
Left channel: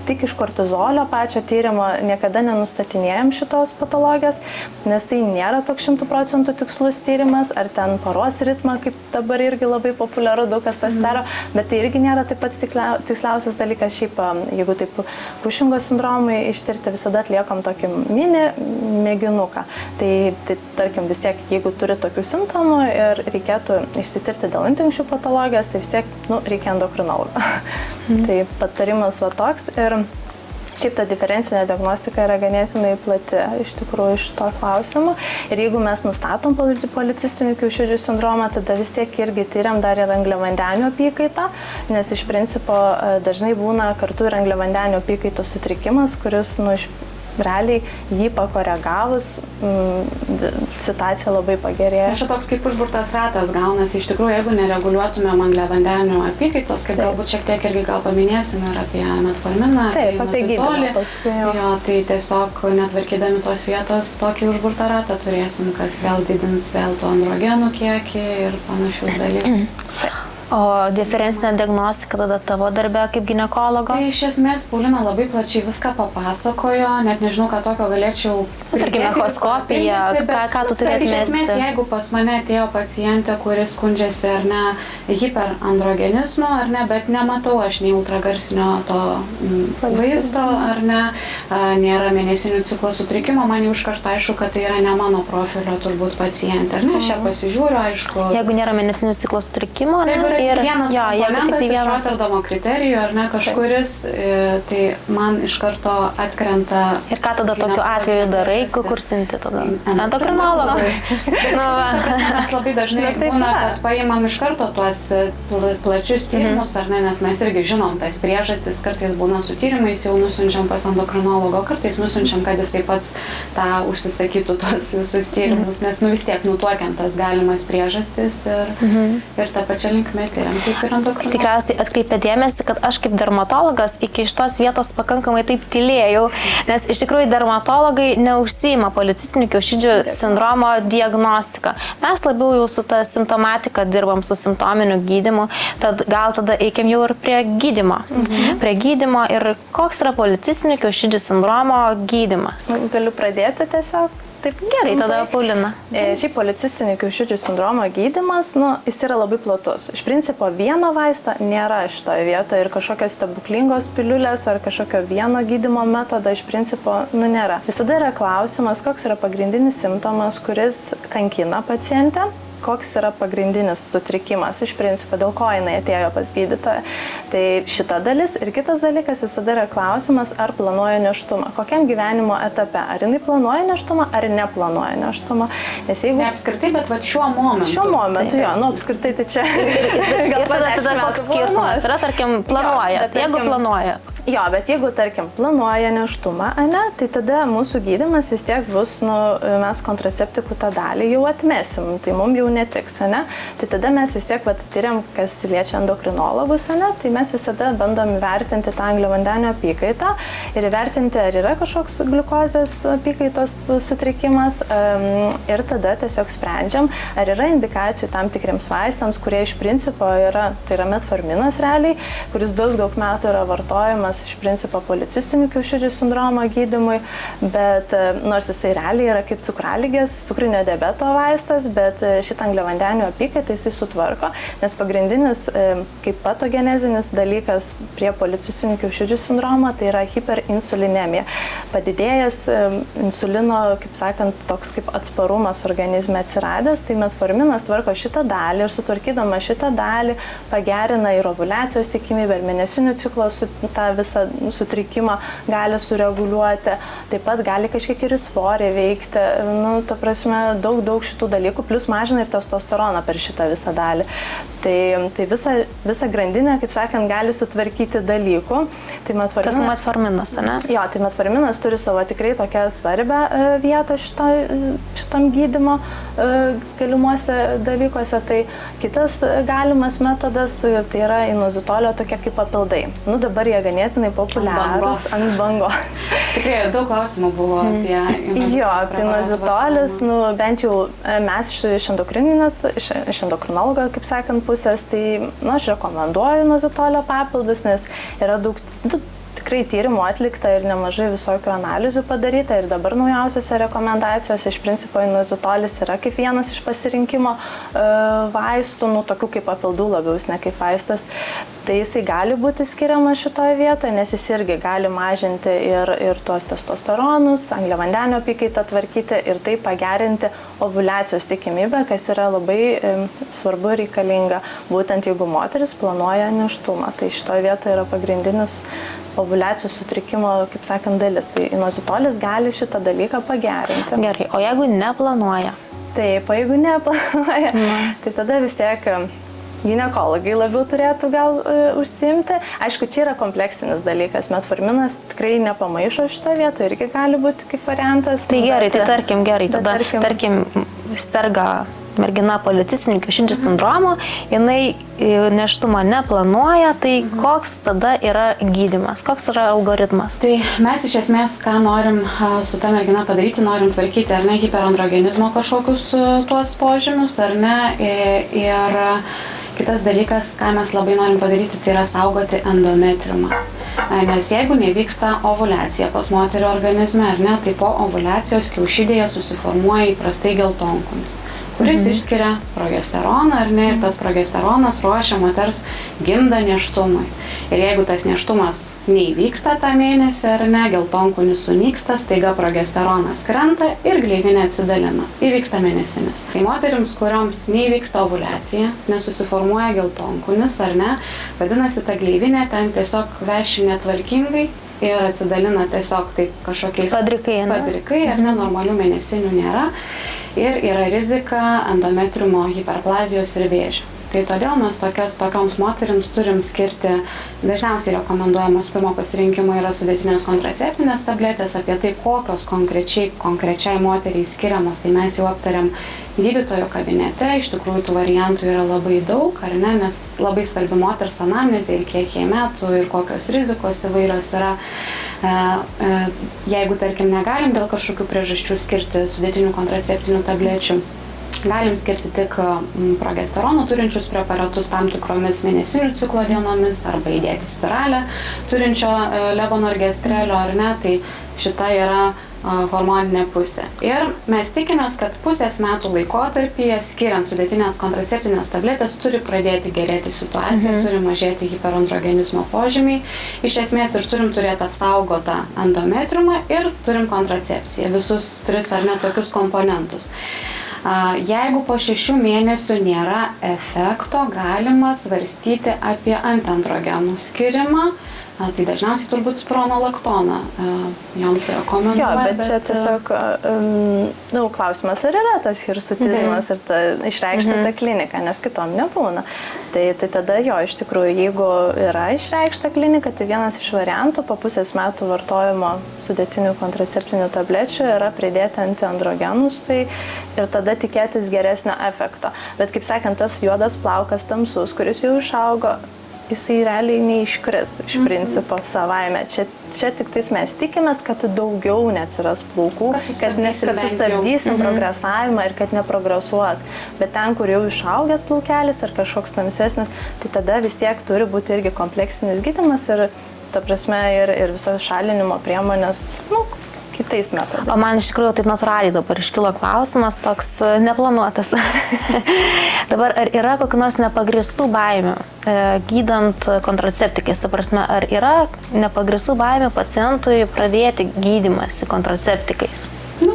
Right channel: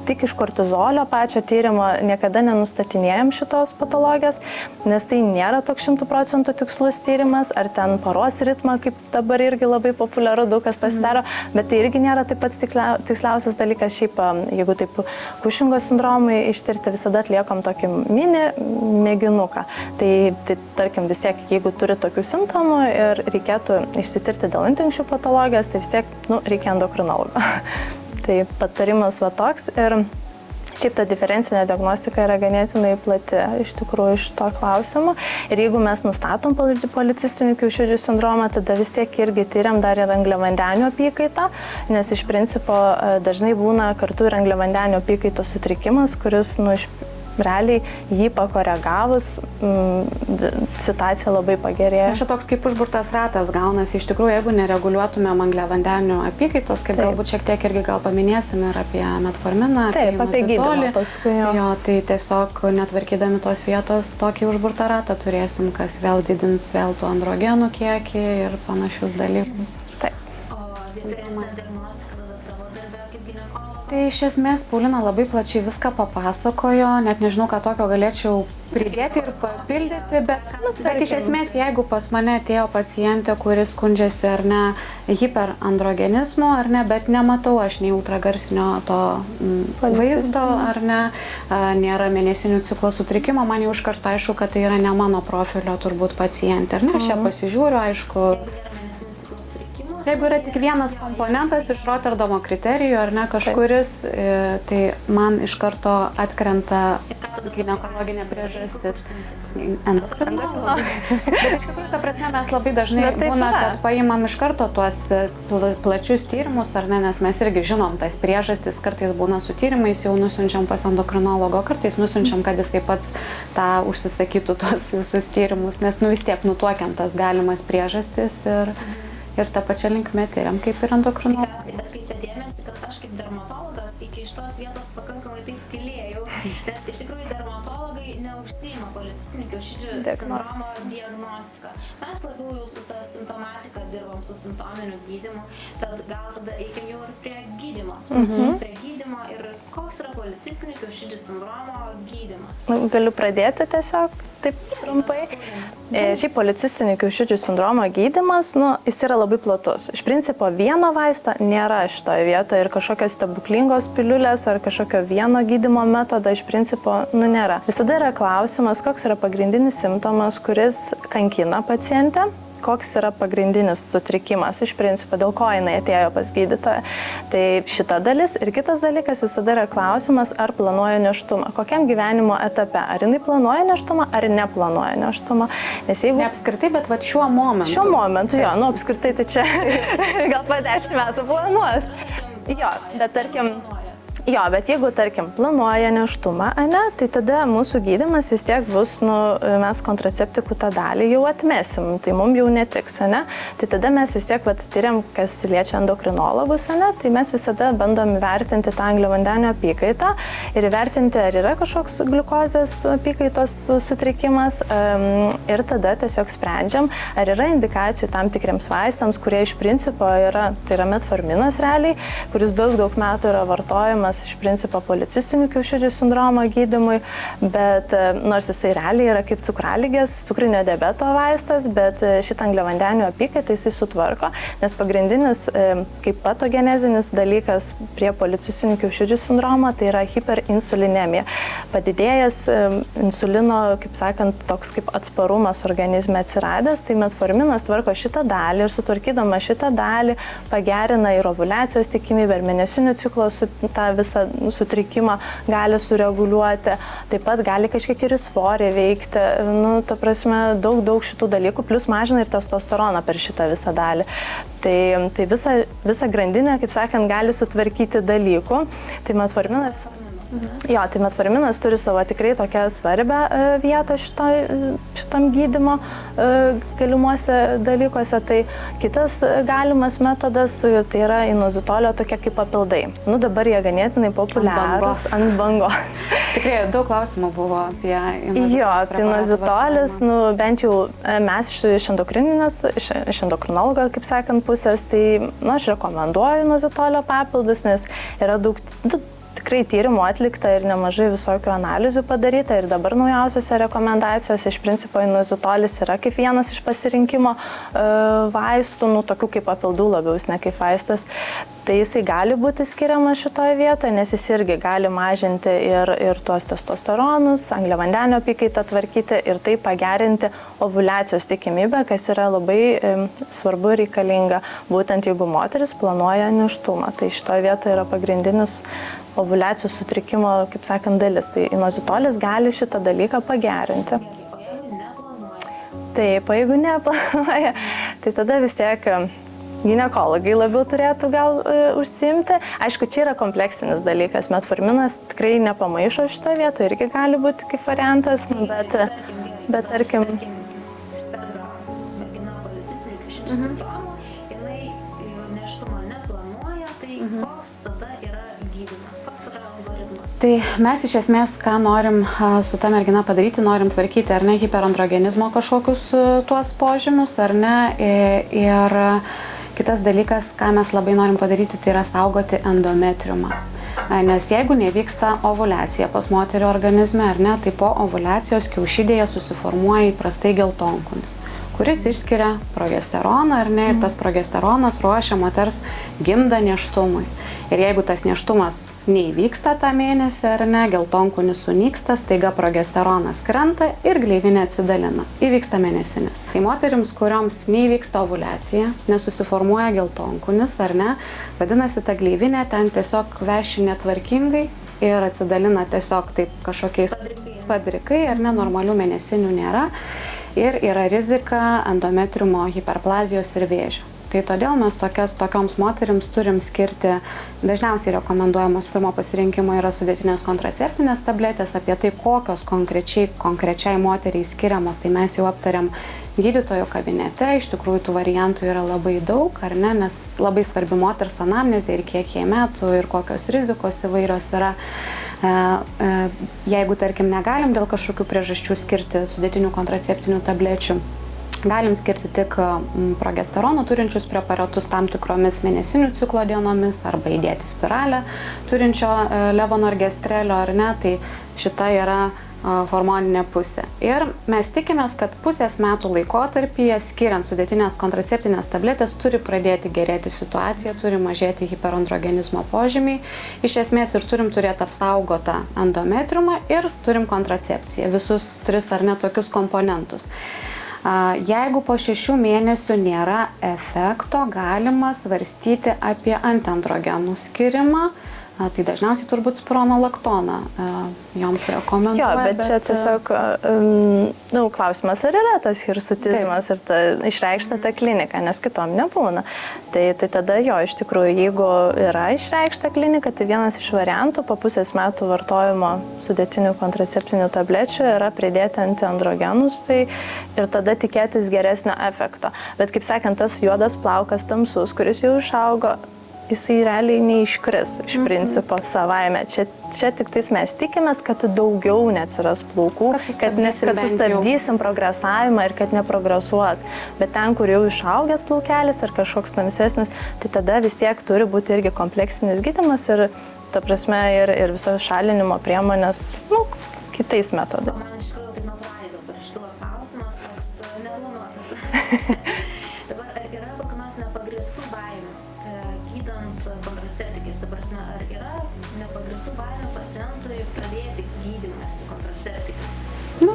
tik iš kortizolio pačio tyrimo niekada nenustatinėjom šitos patologijos, nes tai nėra toks 100% tikslus tyrimas, ar ten paros ritmą, kaip dabar irgi labai populiaru, daug kas pasidaro, bet tai irgi nėra taip pats tiksliausias dalykas. Šiaip, jeigu taip Kušingo sindromui ištirti, visada atliekam tokį mini mėginuką. Tai tarkim vis tiek, jeigu turi tokių simptomų ir reikėtų išsitirti dėl antinkščių patologijos, tai vis tiek reikia endokrinologo. Tai patarimas va toks. Ir Šiaip ta diferencinė diagnostika yra ganėtinai plati iš tikrųjų iš to klausimo. Ir jeigu mes nustatom policistinių kiaušidžių sindromą, tada vis tiek irgi tyriam dar ir angliavandenių apykaitą, nes iš principo dažnai būna kartu ir angliavandenių apykaitos sutrikimas, kuris realiai jį pakoregavus situacija labai pagerėja. Čia toks kaip užburtas ratas gaunasi. Iš tikrųjų, jeigu nereguliuotumėm angliavandenių apykaitos, kaip galbūt šiek tiek irgi gal paminėsim ir apie metforminą, apie gydymą paskui. Jo, tai tiesiog netvarkydami tos vietos tokį užburtą ratą turėsim, kas vėl didins vėl tų androgenų kiekį ir panašius dalykus. O diferencinė diagnostika tada tavo darbė kaip ginekologo? Tai iš esmės Paulina labai plačiai viską papasakojo, net nežinau, ką tokio galėčiau pridėti. Bet iš esmės, jeigu pas mane atėjo pacientė, kuris skundžiasi ar ne hiperandrogenizmu, ar ne, bet nematau aš nei ultragarsinio to vaizdo, ar ne, nėra mėnesinių ciklo sutrikimo, man jau iš karto aišku, kad tai yra ne mano profilio turbūt pacientė, ar ne, aš ją pasižiūriu, aišku. Jeigu nėra mėnesinių ciklo sutrikimo, jeigu yra tik vienas komponentas iš Rotterdamo kriterijų, ar ne, kažkuris, tai man iš karto atkrenta. Ir ką tada tokiu atveju darai, kur siunti tada? Endokrinologai. Mes labai dažnai būna, kad paimam iš karto tuos plačius tyrimus, ar ne, nes mes irgi žinom tas priežastis, kartais būna su tyrimais, jau nusiunčiam pas endokrinologo, kartais nusiunčiam, kad jisai pats tą užsisakytų tuos visus tyrimus, nes vis tiek nutuokiantas galimas priežastis ir tą pačią linkmę tyriam, kaip ir endokrinologas. Tikriausiai atkreipė dėmesį, kad aš kaip dermatologas iki šitos vietos pakankamai taip tylėjau, nes iš tikrųjų dermatologai neužsiima policistinių kiaušidžių sindromo diagnostika. Mes labiau jau su ta simptomatika dirbam, su simptominiu gydymu, tad gal tada eikim jau ir prie gydymo. Prie gydymo ir koks yra policistinių kiaušidžių sindromo gydymas. Galiu pradėti tiesiog. Taip, gerai, tada Paulina. Šiaip policistinių kiaušidžių sindromo gydymas, jis yra labai platus. Iš principo vieno vaisto nėra šitoje vietoje ir kažkokios stebuklingos piliulės ar kažkokio vieno gydymo metodo iš principo nėra. Visada yra klausimas, koks yra pagrindinis simptomas, kuris kankina pacientę. Koks yra pagrindinis sutrikimas iš principo, dėl ko jinai atėjo pas gydytoją. Tai šita dalis ir kitas dalykas visada yra klausimas, ar planuoja nėštumą, kokiam gyvenimo etape, ar jinai planuoja nėštumą, ar neplanuoja nėštumą. Nes jeigu... Ne apskritai, bet va šiuo momentu. Šiuo momentu, jo, apskritai tai čia gal po 10 metų planuoja. Yra, tarkim, planuoja, jeigu planuoja. Jo, bet jeigu, tarkim, planuoja nėštumą, tai tada mūsų gydymas vis tiek bus, mes kontraceptikų tą dalį jau atmesim, tai mums jau netiks, tai tada mes vis tiek tyriam, kas liečia endokrinologus, tai mes visada bandom įvertinti tą angliavandenių apykaitą ir įvertinti, ar yra kažkoks gliukozės apykaitos sutrikimas ir tada tiesiog sprendžiam, ar yra indikacijų tam tikriems vaistams, kurie iš principo yra, tai yra metforminas realiai, kuris daug metų yra vartojamas iš principo policistinių kiaušidžių sindromo gydymui, bet nors jisai realiai yra kaip cukraligės, cukrinio diabeto vaistas, bet šitą angliavandenių apykaitą jisai sutvarko, nes pagrindinis kaip patogenezinis dalykas prie policistinių kiaušidžių sindromo tai yra hiperinsulinemija. Padidėjęs insulino, kaip sakant, toks kaip atsparumas organizme atsiradęs, tai metforminas tvarko šitą dalį ir sutvarkydama šitą dalį pagerina ir ovuliacijos tikimybę, ir mėnesinių ciklo tą visą sutrikimą gali sureguliuoti, taip pat gali kažkiek ir svorį veikti, ta prasme, daug šitų dalykų, plus mažina ir testosteroną per šitą visą dalį. Tai visą grandinę, kaip sakant, gali sutvarkyti dalykų. Tai metforminas, ne? Jo, tai metforminas turi savo tikrai tokią svarbią vietą šitam gydymo galimuose dalykuose. Tai kitas galimas metodas, tai yra inozitolio tokie kaip papildai. Dabar jie ganėtinai populiarūs ant bangos. Tikrai daug klausimų buvo apie inozitolį. Jo, tai inozitolis, bent jau mes iš endokrinologo, kaip sakant, pusės, tai aš rekomenduoju inozitolio papildus, nes yra daug tikrai tyrimų atlikta ir nemažai visokių analizių padaryta ir dabar naujausiose rekomendacijose iš principo inozitolis yra kaip vienas iš pasirinkimo vaistų, tokių kaip papildų labiau, ne kaip vaistas. Tai jisai gali būti skiriamas šitoje vietoje, nes jis irgi gali mažinti ir tuos testosteronus, angliavandenių apykaitą tvarkyti ir tai pagerinti ovuliacijos tikimybę, kas yra labai svarbu ir reikalinga, būtent jeigu moteris planuoja nėštumą. Tai šitoje vietoje yra pagrindinis ovuliacijos sutrikimo, kaip sakant, dalis. Tai inozitolis gali šitą dalyką pagerinti. Gerai, o jeigu neplanuoja? Taip, o jeigu neplanuoja, tai tada vis tiek ginekologai labiau turėtų gal užsiimti. Aišku, čia yra kompleksinis dalykas. Metforminas tikrai nepamaišo šito vietoje, irgi gali būti kaip variantas. Tai gerai, tai tarkim, tarkim, serga mergina policistiniu kiaušidžių sindromu, jinai nėštumo neplanuoja, tai koks tada yra gydymas, koks yra algoritmas? Tai mes iš esmės, ką norim su ta mergina padaryti, norim tvarkyti, ar ne, hiperandrogenizmo kažkokius tuos požymius, ar ne, ir kitas dalykas, ką mes labai norim padaryti, tai yra saugoti endometriumą. Nes jeigu nevyksta ovuliacija pas moterio organizme, ar ne, tai po ovuliacijos kiaušidėje susiformuoja įprastai geltonkunis, kuris išskiria progesteroną, ar ne, ir tas progesteronas ruošia moters gimdą nėštumui. Ir jeigu tas nėštumas neįvyksta tą mėnesį, ar ne, geltonkunis sunyksta, staiga progesteronas krenta ir gleivinė atsidalina. Įvyksta mėnesinis. Tai moterims, kurioms neįvyksta ovuliacija, nesusiformuoja geltonkunis, ar ne, vadinasi, ta gleivinė ten tiesiog veši netvarkingai ir atsidalina tiesiog taip kažkokiais padrikai, ar ne, normalių mėnesinių nėra. Ir yra rizika endometriumo hiperplazijos ir vėžio. Tai todėl mes tokioms moterims turim skirti, dažniausiai rekomenduojamos pirmo pasirinkimo yra sudėtinės kontraceptinės tabletės, apie tai kokios konkrečiai moteriai skiriamos, tai mes jau aptariam gydytojo kabinete, iš tikrųjų tų variantų yra labai daug, ar ne, nes labai svarbi moters anamnezė ir kiek jai metų ir kokios rizikos įvairios yra. Jeigu, tarkim, negalim dėl kažkokių priežasčių skirti sudėtinių kontraceptinių tablečių, galim skirti tik progesterono turinčius preparatus tam tikromis mėnesinių ciklo dienomis arba įdėti spiralę turinčio levonorgestrelio, ar ne, tai šita yra hormoninė pusė. Ir mes tikimės, kad pusės metų laikotarpyje, skiriant sudėtinės kontraceptinės tabletės, turi pradėti gerėti situacija, turi mažėti hiperandrogenizmo požymiai. Iš esmės ir turim turėti apsaugotą endometriumą ir turim kontracepciją, visus tris ar ne tokius komponentus. Jeigu po 6 mėnesių nėra efekto, galima svarstyti apie antiandrogenų skirimą. Tai dažniausiai turbūt spironolaktoną joms rekomenduoja. Jo, bet čia tiesiog klausimas, ar yra tas hirsutizmas ir ta išreikšta ta klinika, nes kitom nebūna. Tai tada jo, iš tikrųjų, jeigu yra išreikšta klinika, tai vienas iš variantų po pusės metų vartojimo sudėtinių kontraceptinių tablečių yra pridėti antiandrogenus, tai ir tada tikėtis geresnio efekto. Bet kaip sakant, tas juodas plaukas tamsus, kuris jau išaugo, jisai realiai neiškris iš principo savaime. Čia tik tais mes tikimės, kad daugiau neatsiras plaukų, kad sustabdysim progresavimą ir kad neprogresuos. Bet ten, kur jau išaugęs plaukelis ar kažkoks tamsesnis, tai tada vis tiek turi būti irgi kompleksinis gydymas ir, ta prasme, ir visos šalinimo priemonės, kitais metodais. O man iš tikrųjų taip natūraliai dabar iškilo klausimas, toks neplanuotas. Dabar ar yra kokių nors nepagristų baimių gydant kontraceptikais? Ta prasme, ar yra nepagristų baimių pacientui pradėti gydymąsi kontraceptikais?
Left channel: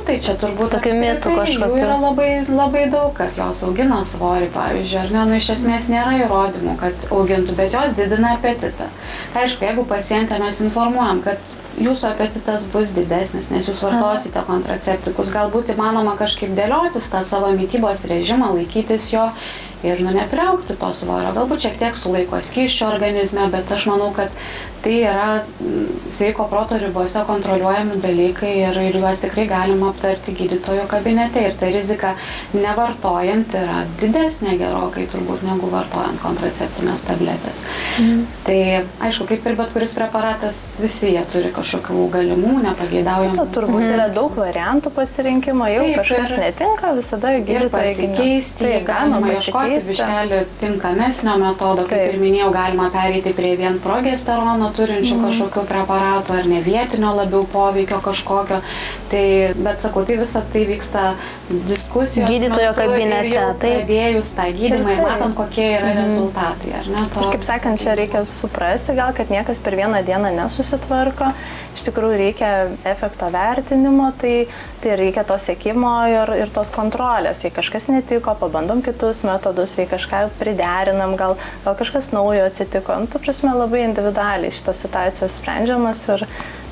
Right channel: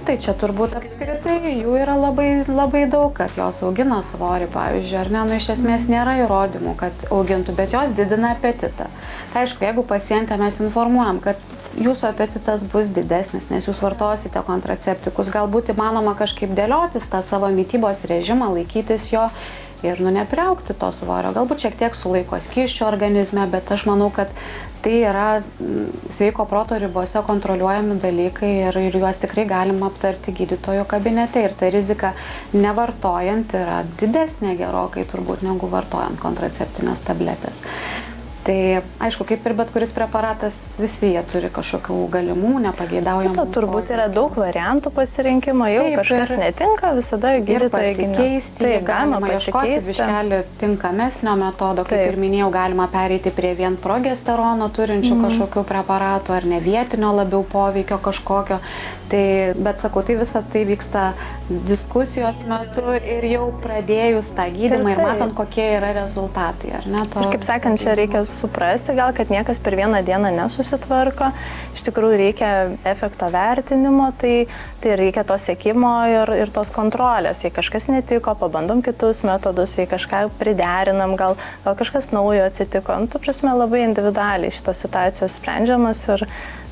Tai čia turbūt jų yra labai daug, kad jos augina svorį, pavyzdžiui, ar ne, iš esmės nėra įrodymų, kad augintų, bet jos didina apetitą. Tai aišku, jeigu pacientę mes informuojam, kad jūsų apetitas bus didesnis, nes jūs vartosite kontraceptikus, galbūt įmanoma kažkaip dėliotis tą savo mitybos režimą, laikytis jo ir nepriaugti to svorio. Galbūt šiek tiek sulaiko skysčio organizme, bet aš manau, kad tai yra sveiko proto ribose kontroliuojami dalykai ir juos tikrai galima aptarti gydytojo kabinete. Ir ta rizika nevartojant yra didesnė gerokai turbūt negu vartojant kontraceptinės tabletės. Tai aišku, kaip ir bet kuris preparatas, visi jie turi kažkokių galimų, nepageidaujamų. Turbūt yra daug variantų pasirinkimo, jau kažkas netinka, visada gydytojai pasikeisti, galima ieškoti biškelį tinkamesnio metodo, kaip ir minėjau, galima pereiti prie vien progesterono turinčių kažkokių preparatų ar ne vietinio labiau poveikio kažkokio. Tai, bet sakau, tai visą tai vyksta diskusijos gydytojo metu kabinete, ir jau pradėjus tą gydymą ir matant, kokie yra rezultatai. Ar ne, ir kaip sakant, čia reikia suprasti gal, kad niekas per vieną dieną nesusitvarko. Iš tikrųjų reikia efekto vertinimo, tai reikia to sekimo ir tos kontrolės. Jei kažkas netiko, pabandom kitus metodus, jei kažką priderinam, gal kažkas naujo atsitiko. Ta prasme, labai individualiai šitos situacijos sprendžiamas ir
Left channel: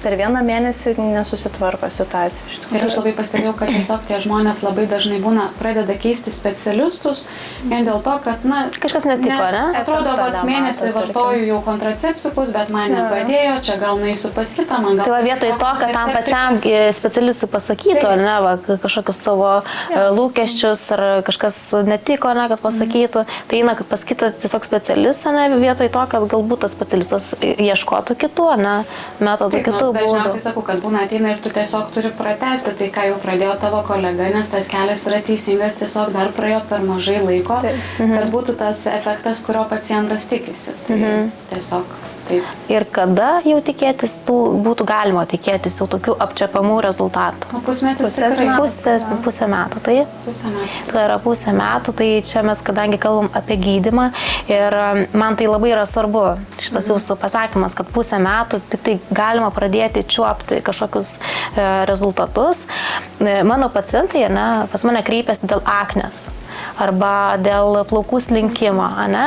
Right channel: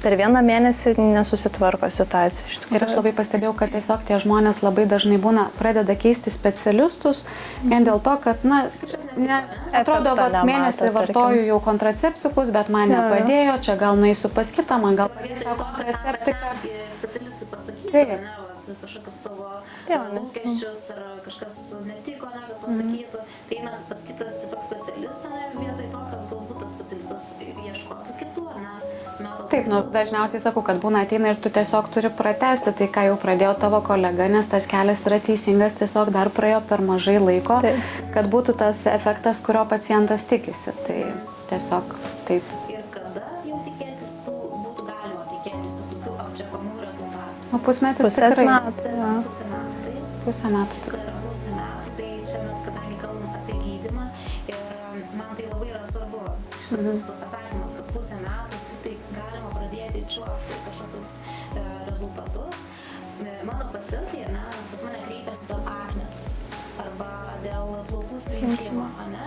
per vieną mėnesį nesusitvarko situacija. Ir aš labai pastebėjau, kad tiesiog tie žmonės labai dažnai pradeda keisti specialistus vien dėl to, kad, kažkas netiko, ne? Atrodo, kad mėnesį vartoju jau kontraceptikus, bet man nepadėjo, čia gal nueisiu pas kitą, man gal... Tai vietoj to, kad tam pačiam specialistui pasakytų, ne, kažkokius savo lūkesčius ar kažkas netiko, ne, kad pasakytų, tai eina pas kitą tiesiog specialistą, ne, vietoj to, kad galbūt tas specialistas ieškotų kitų, ne, metodų kitų. Dažniausiai sakau, kad būna ateina ir tu tiesiog turi pratęsti tai, ką jau pradėjo tavo kolega, nes tas kelias yra teisingas, tiesiog dar praėjo per mažai laiko, kad būtų tas efektas, kurio pacientas tikisi. Tai tiesiog taip. Ir kada jau tikėtis, būtų galima tikėtis jau tokių apčiapamų rezultatų? Pusmetis Pusę metų, tai? Pusę metų. Tai yra pusę metų, tai čia mes kadangi kalbam apie gydymą ir man tai labai yra svarbu šitas jūsų pasakymas, kad pusę metų tik tai galima pradėti čiuopti kažkokius rezultatus. Mano pacientai, ne, pas mane kreipiasi dėl aknės arba dėl plaukų slinkimo, ne?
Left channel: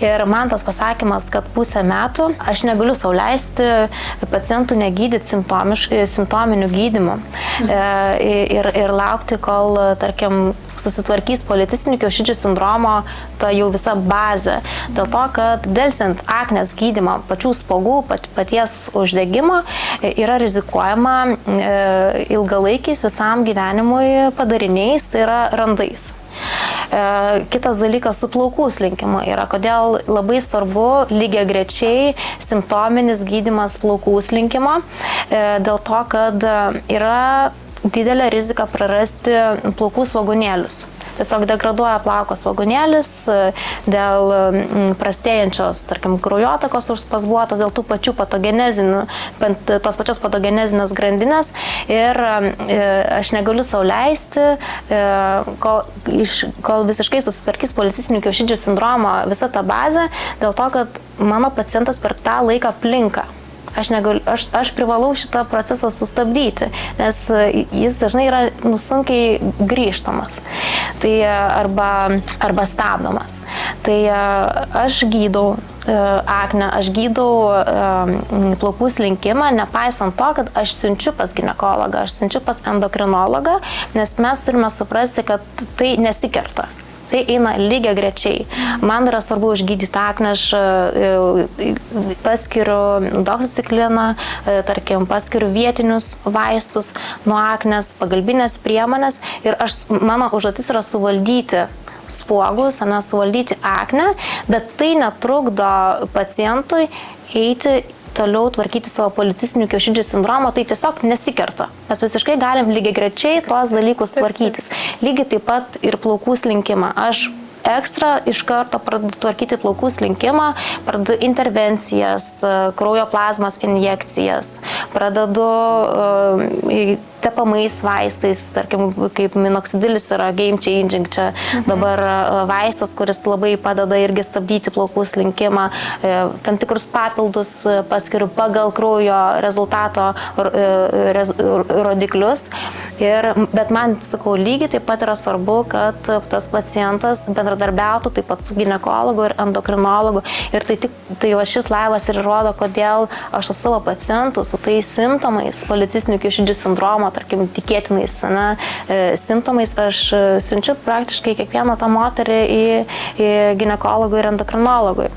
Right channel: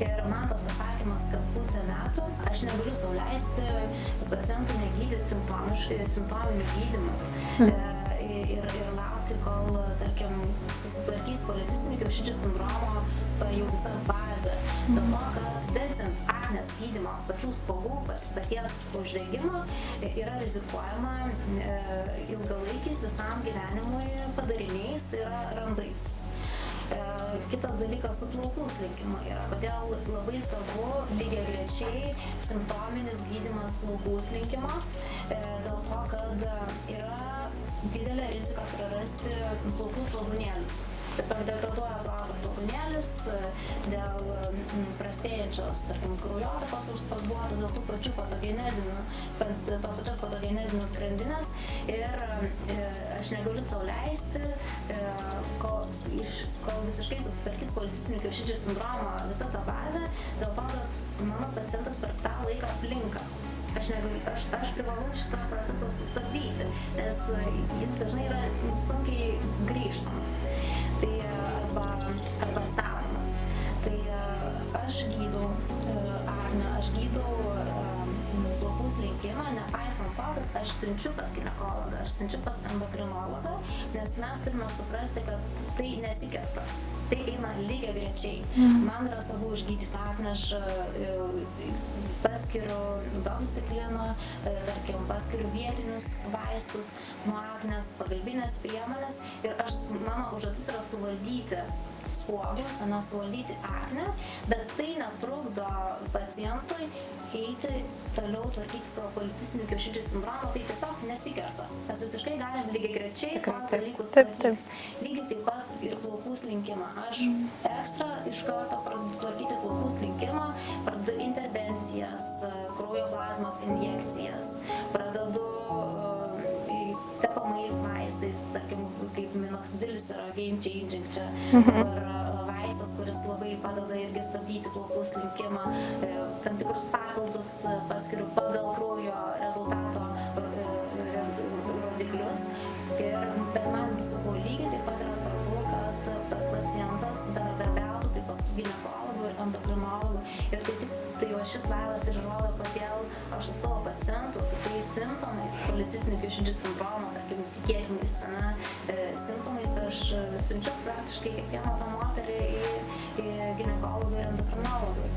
Ir man tas pasakymas, kad pusę metų aš negaliu sau leisti pacientų negydyti simptominių gydymų ir laukti, kol, tarkim, susitvarkys policistinių kiaušidžių sindromo ta jau visa bazė. Dėl to, kad delsiant aknės gydymą, pačių spuogų, paties uždegimo yra rizikuojama ilgalaikiais visam gyvenimui padariniais, tai yra randais. Kitas dalykas su plaukų slinkimu yra, kodėl labai svarbu lygiagrečiai simptominis gydymas plaukų slinkimo, dėl to, kad yra didelė rizika prarasti plaukų svogūnėlius. Tiesiog degraduoja plauko svogūnėlis dėl prastėjančios, tarkim, kraujotakos užspazbuotos, dėl tų pačių patogenezinių, tos pačios patogenezinės grandinės ir aš negaliu sau leisti, kol visiškai susitvarkys policistinių kiaušidžių sindromo visa ta bazė, dėl to, kad mano pacientas per tą laiką plinka. Aš privalau šitą procesą sustabdyti, nes jis dažnai yra sunkiai grįžtamas arba stabdomas. Tai aš gydau aknę, aš gydau plaukų slinkimą, nepaisant to, kad aš siunčiu pas ginekologą, aš siunčiu pas endokrinologą, nes mes turime suprasti, kad tai nesikerta. Tai eina lygiagrečiai. Man yra svarbu užgydyti aknę, aš paskiriu doksicikliną, tarkim, paskiriu vietinius vaistus nuo aknės, pagalbinės priemonės ir mano užduotis yra suvaldyti spuogus, suvaldyti aknę, bet tai netrukdo pacientui eiti toliau tvarkyti savo policistinių kiaušidžių sindromą, tai tiesiog nesikerta. Mes visiškai galim lygiagrečiai tuos dalykus tvarkytis. Lygiai taip pat ir plaukų slinkimą. Aš ekstra iš karto pradedu tvarkyti plaukų slinkimą, pradedu intervencijas, kraujo plazmos injekcijas, pradedu tepamais vaistais, tarkim, kaip minoksidilis yra game changing, čia dabar vaistas, kuris labai padeda irgi stabdyti plaukų slinkimą, tam tikrus papildus paskiriu pagal kraujo rezultato rodiklius. Bet man, sakau, lygiai taip pat yra svarbu, kad tas pacientas bendradarbiautų taip pat su ginekologu ir endokrinologu. Ir tai šis laivas ir rodo, kodėl aš su savo pacientu, su tais simptomais, policistinių kiaušidžių sindromo, tarkim, tikėtinais simptomais, aš siunčiu praktiškai kiekvieną tą moterį į ginekologų ir endokrinologui.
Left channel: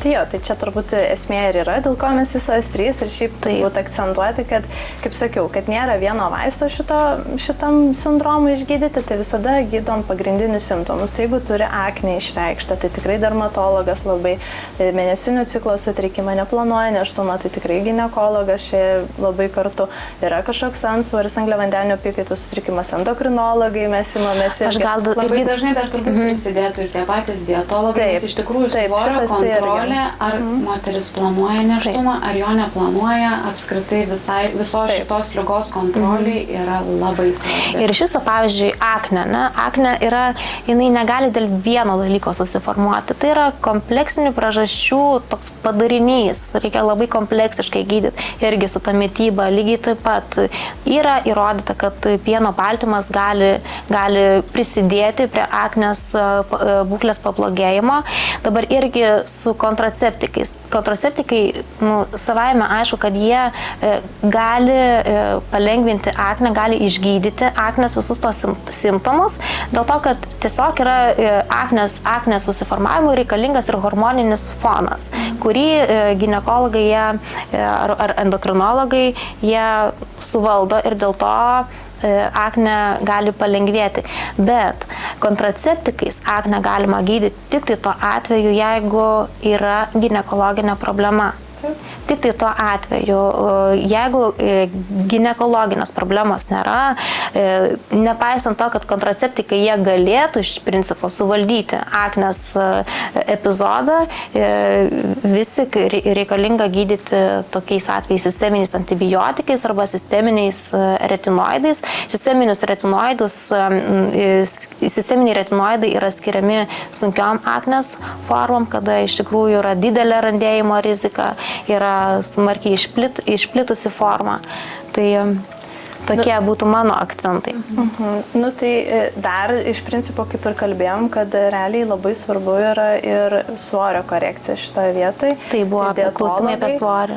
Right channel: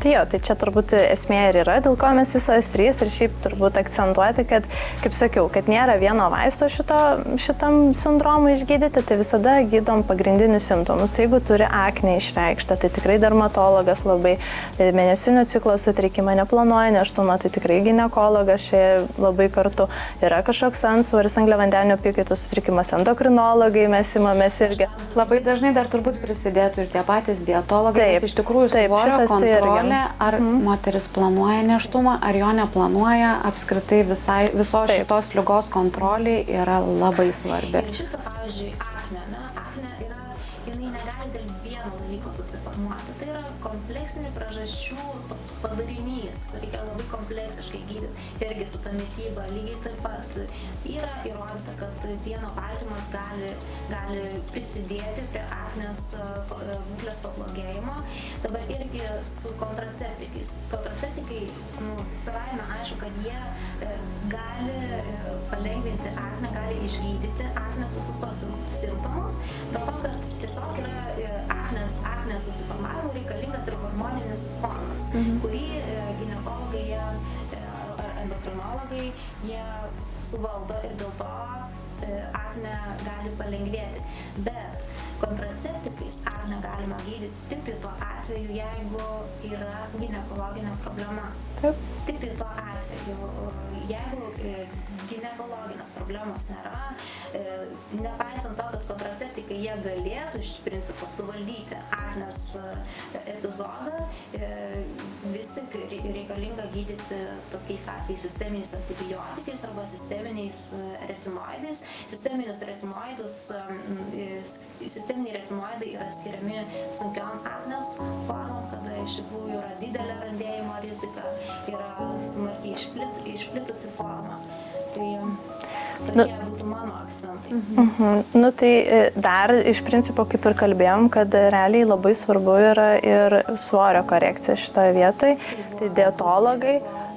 Tai jo, tai čia turbūt esmė ir yra, dėl ko mes visos trys ir šiaip turbūt akcentuoti, kad, kaip sakiau, kad nėra vieno vaisto šitam sindromui išgydyti, tai visada gydom pagrindinius simptomus. Tai jeigu turi aknę išreikštą, tai tikrai dermatologas labai, mėnesinių ciklo sutrikimą, neplanuoja nėštumą, tai tikrai ginekologas čia labai kartu. Yra kažkoks antsvoris, angliavandenių apykaitos sutrikimas, endokrinologai mes imamės irgi. Labai dažnai dar turbūt prisidėtų ir tie patys dietologai, nes iš tikrųjų svorio kontrolė, ar moteris planuoja nėštumą, ar jo neplanuoja, apskritai visos šitos ligos kontrolė yra labai labai svarbi. Ir iš viso, pavyzdžiui, akne, ne? Akne jinai negali dėl vieno dalyko susiformuoti. Tai yra kompleksinių priežasčių toks padarinys. Reikia labai kompleksiškai gydyti. Irgi su ta mityba lygiai taip pat yra įrodyta, kad pieno baltymas gali prisidėti prie aknės būklės pablogėjimo. Dabar irgi su kontraceptikais. Kontraceptikai, savaime aišku, kad jie gali palengvinti aknę, gali išgydyti aknės visus tos simptomus, dėl to, kad tiesiog yra aknės susiformavimui reikalingas ir hormoninis fonas, kurį ginekologai ar endokrinologai jie suvaldo ir dėl to akne gali palengvėti. Bet kontraceptikais akne galima gydyti tik tai tuo atveju, jeigu yra ginekologinė problema. Tik tai tuo atveju, jeigu ginekologinės problemos nėra, nepaisant to, kad kontraceptikai jie galėtų iš principo suvaldyti aknės epizodą, vis tik reikalinga gydyti tokiais atvejais sisteminiais antibiotikais arba sisteminiais retinoidais. Sisteminiai retinoidai yra skiriami sunkiom aknės formom, kada iš tikrųjų yra didelė randėjimo rizika, yra smarkiai išplitusi forma. Tai tokie būtų mano akcentai. Tai dar iš principo, kaip ir kalbėjom, kad realiai labai svarbu yra ir svorio korekcija šitoje vietoje. Tai buvo dietologai,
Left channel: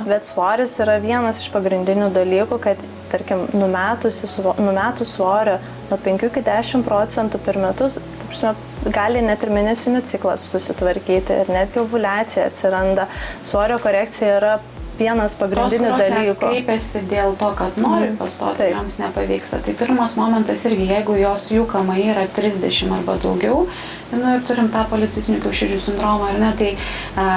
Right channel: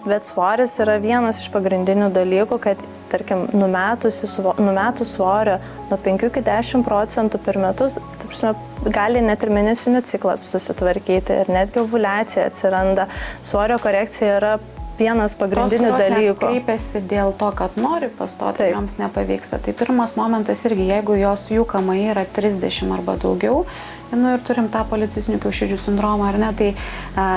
bet svoris yra vienas iš pagrindinių dalykų, kad, tarkim, numetus svorio nuo 5 iki 10% per metus, gali net ir mėnesinių ciklas susitvarkyti ir netgi ovuliacija atsiranda. Svorio korekcija yra vienas pagrindinių dalykų. Kreipiasi dėl to, kad nori pastoti, joms nepavyksta. Tai pirmas momentas irgi, jeigu jų KMI yra 30 arba daugiau, ir turim tą policistinių kiaušidžių sindromą, ar ne, tai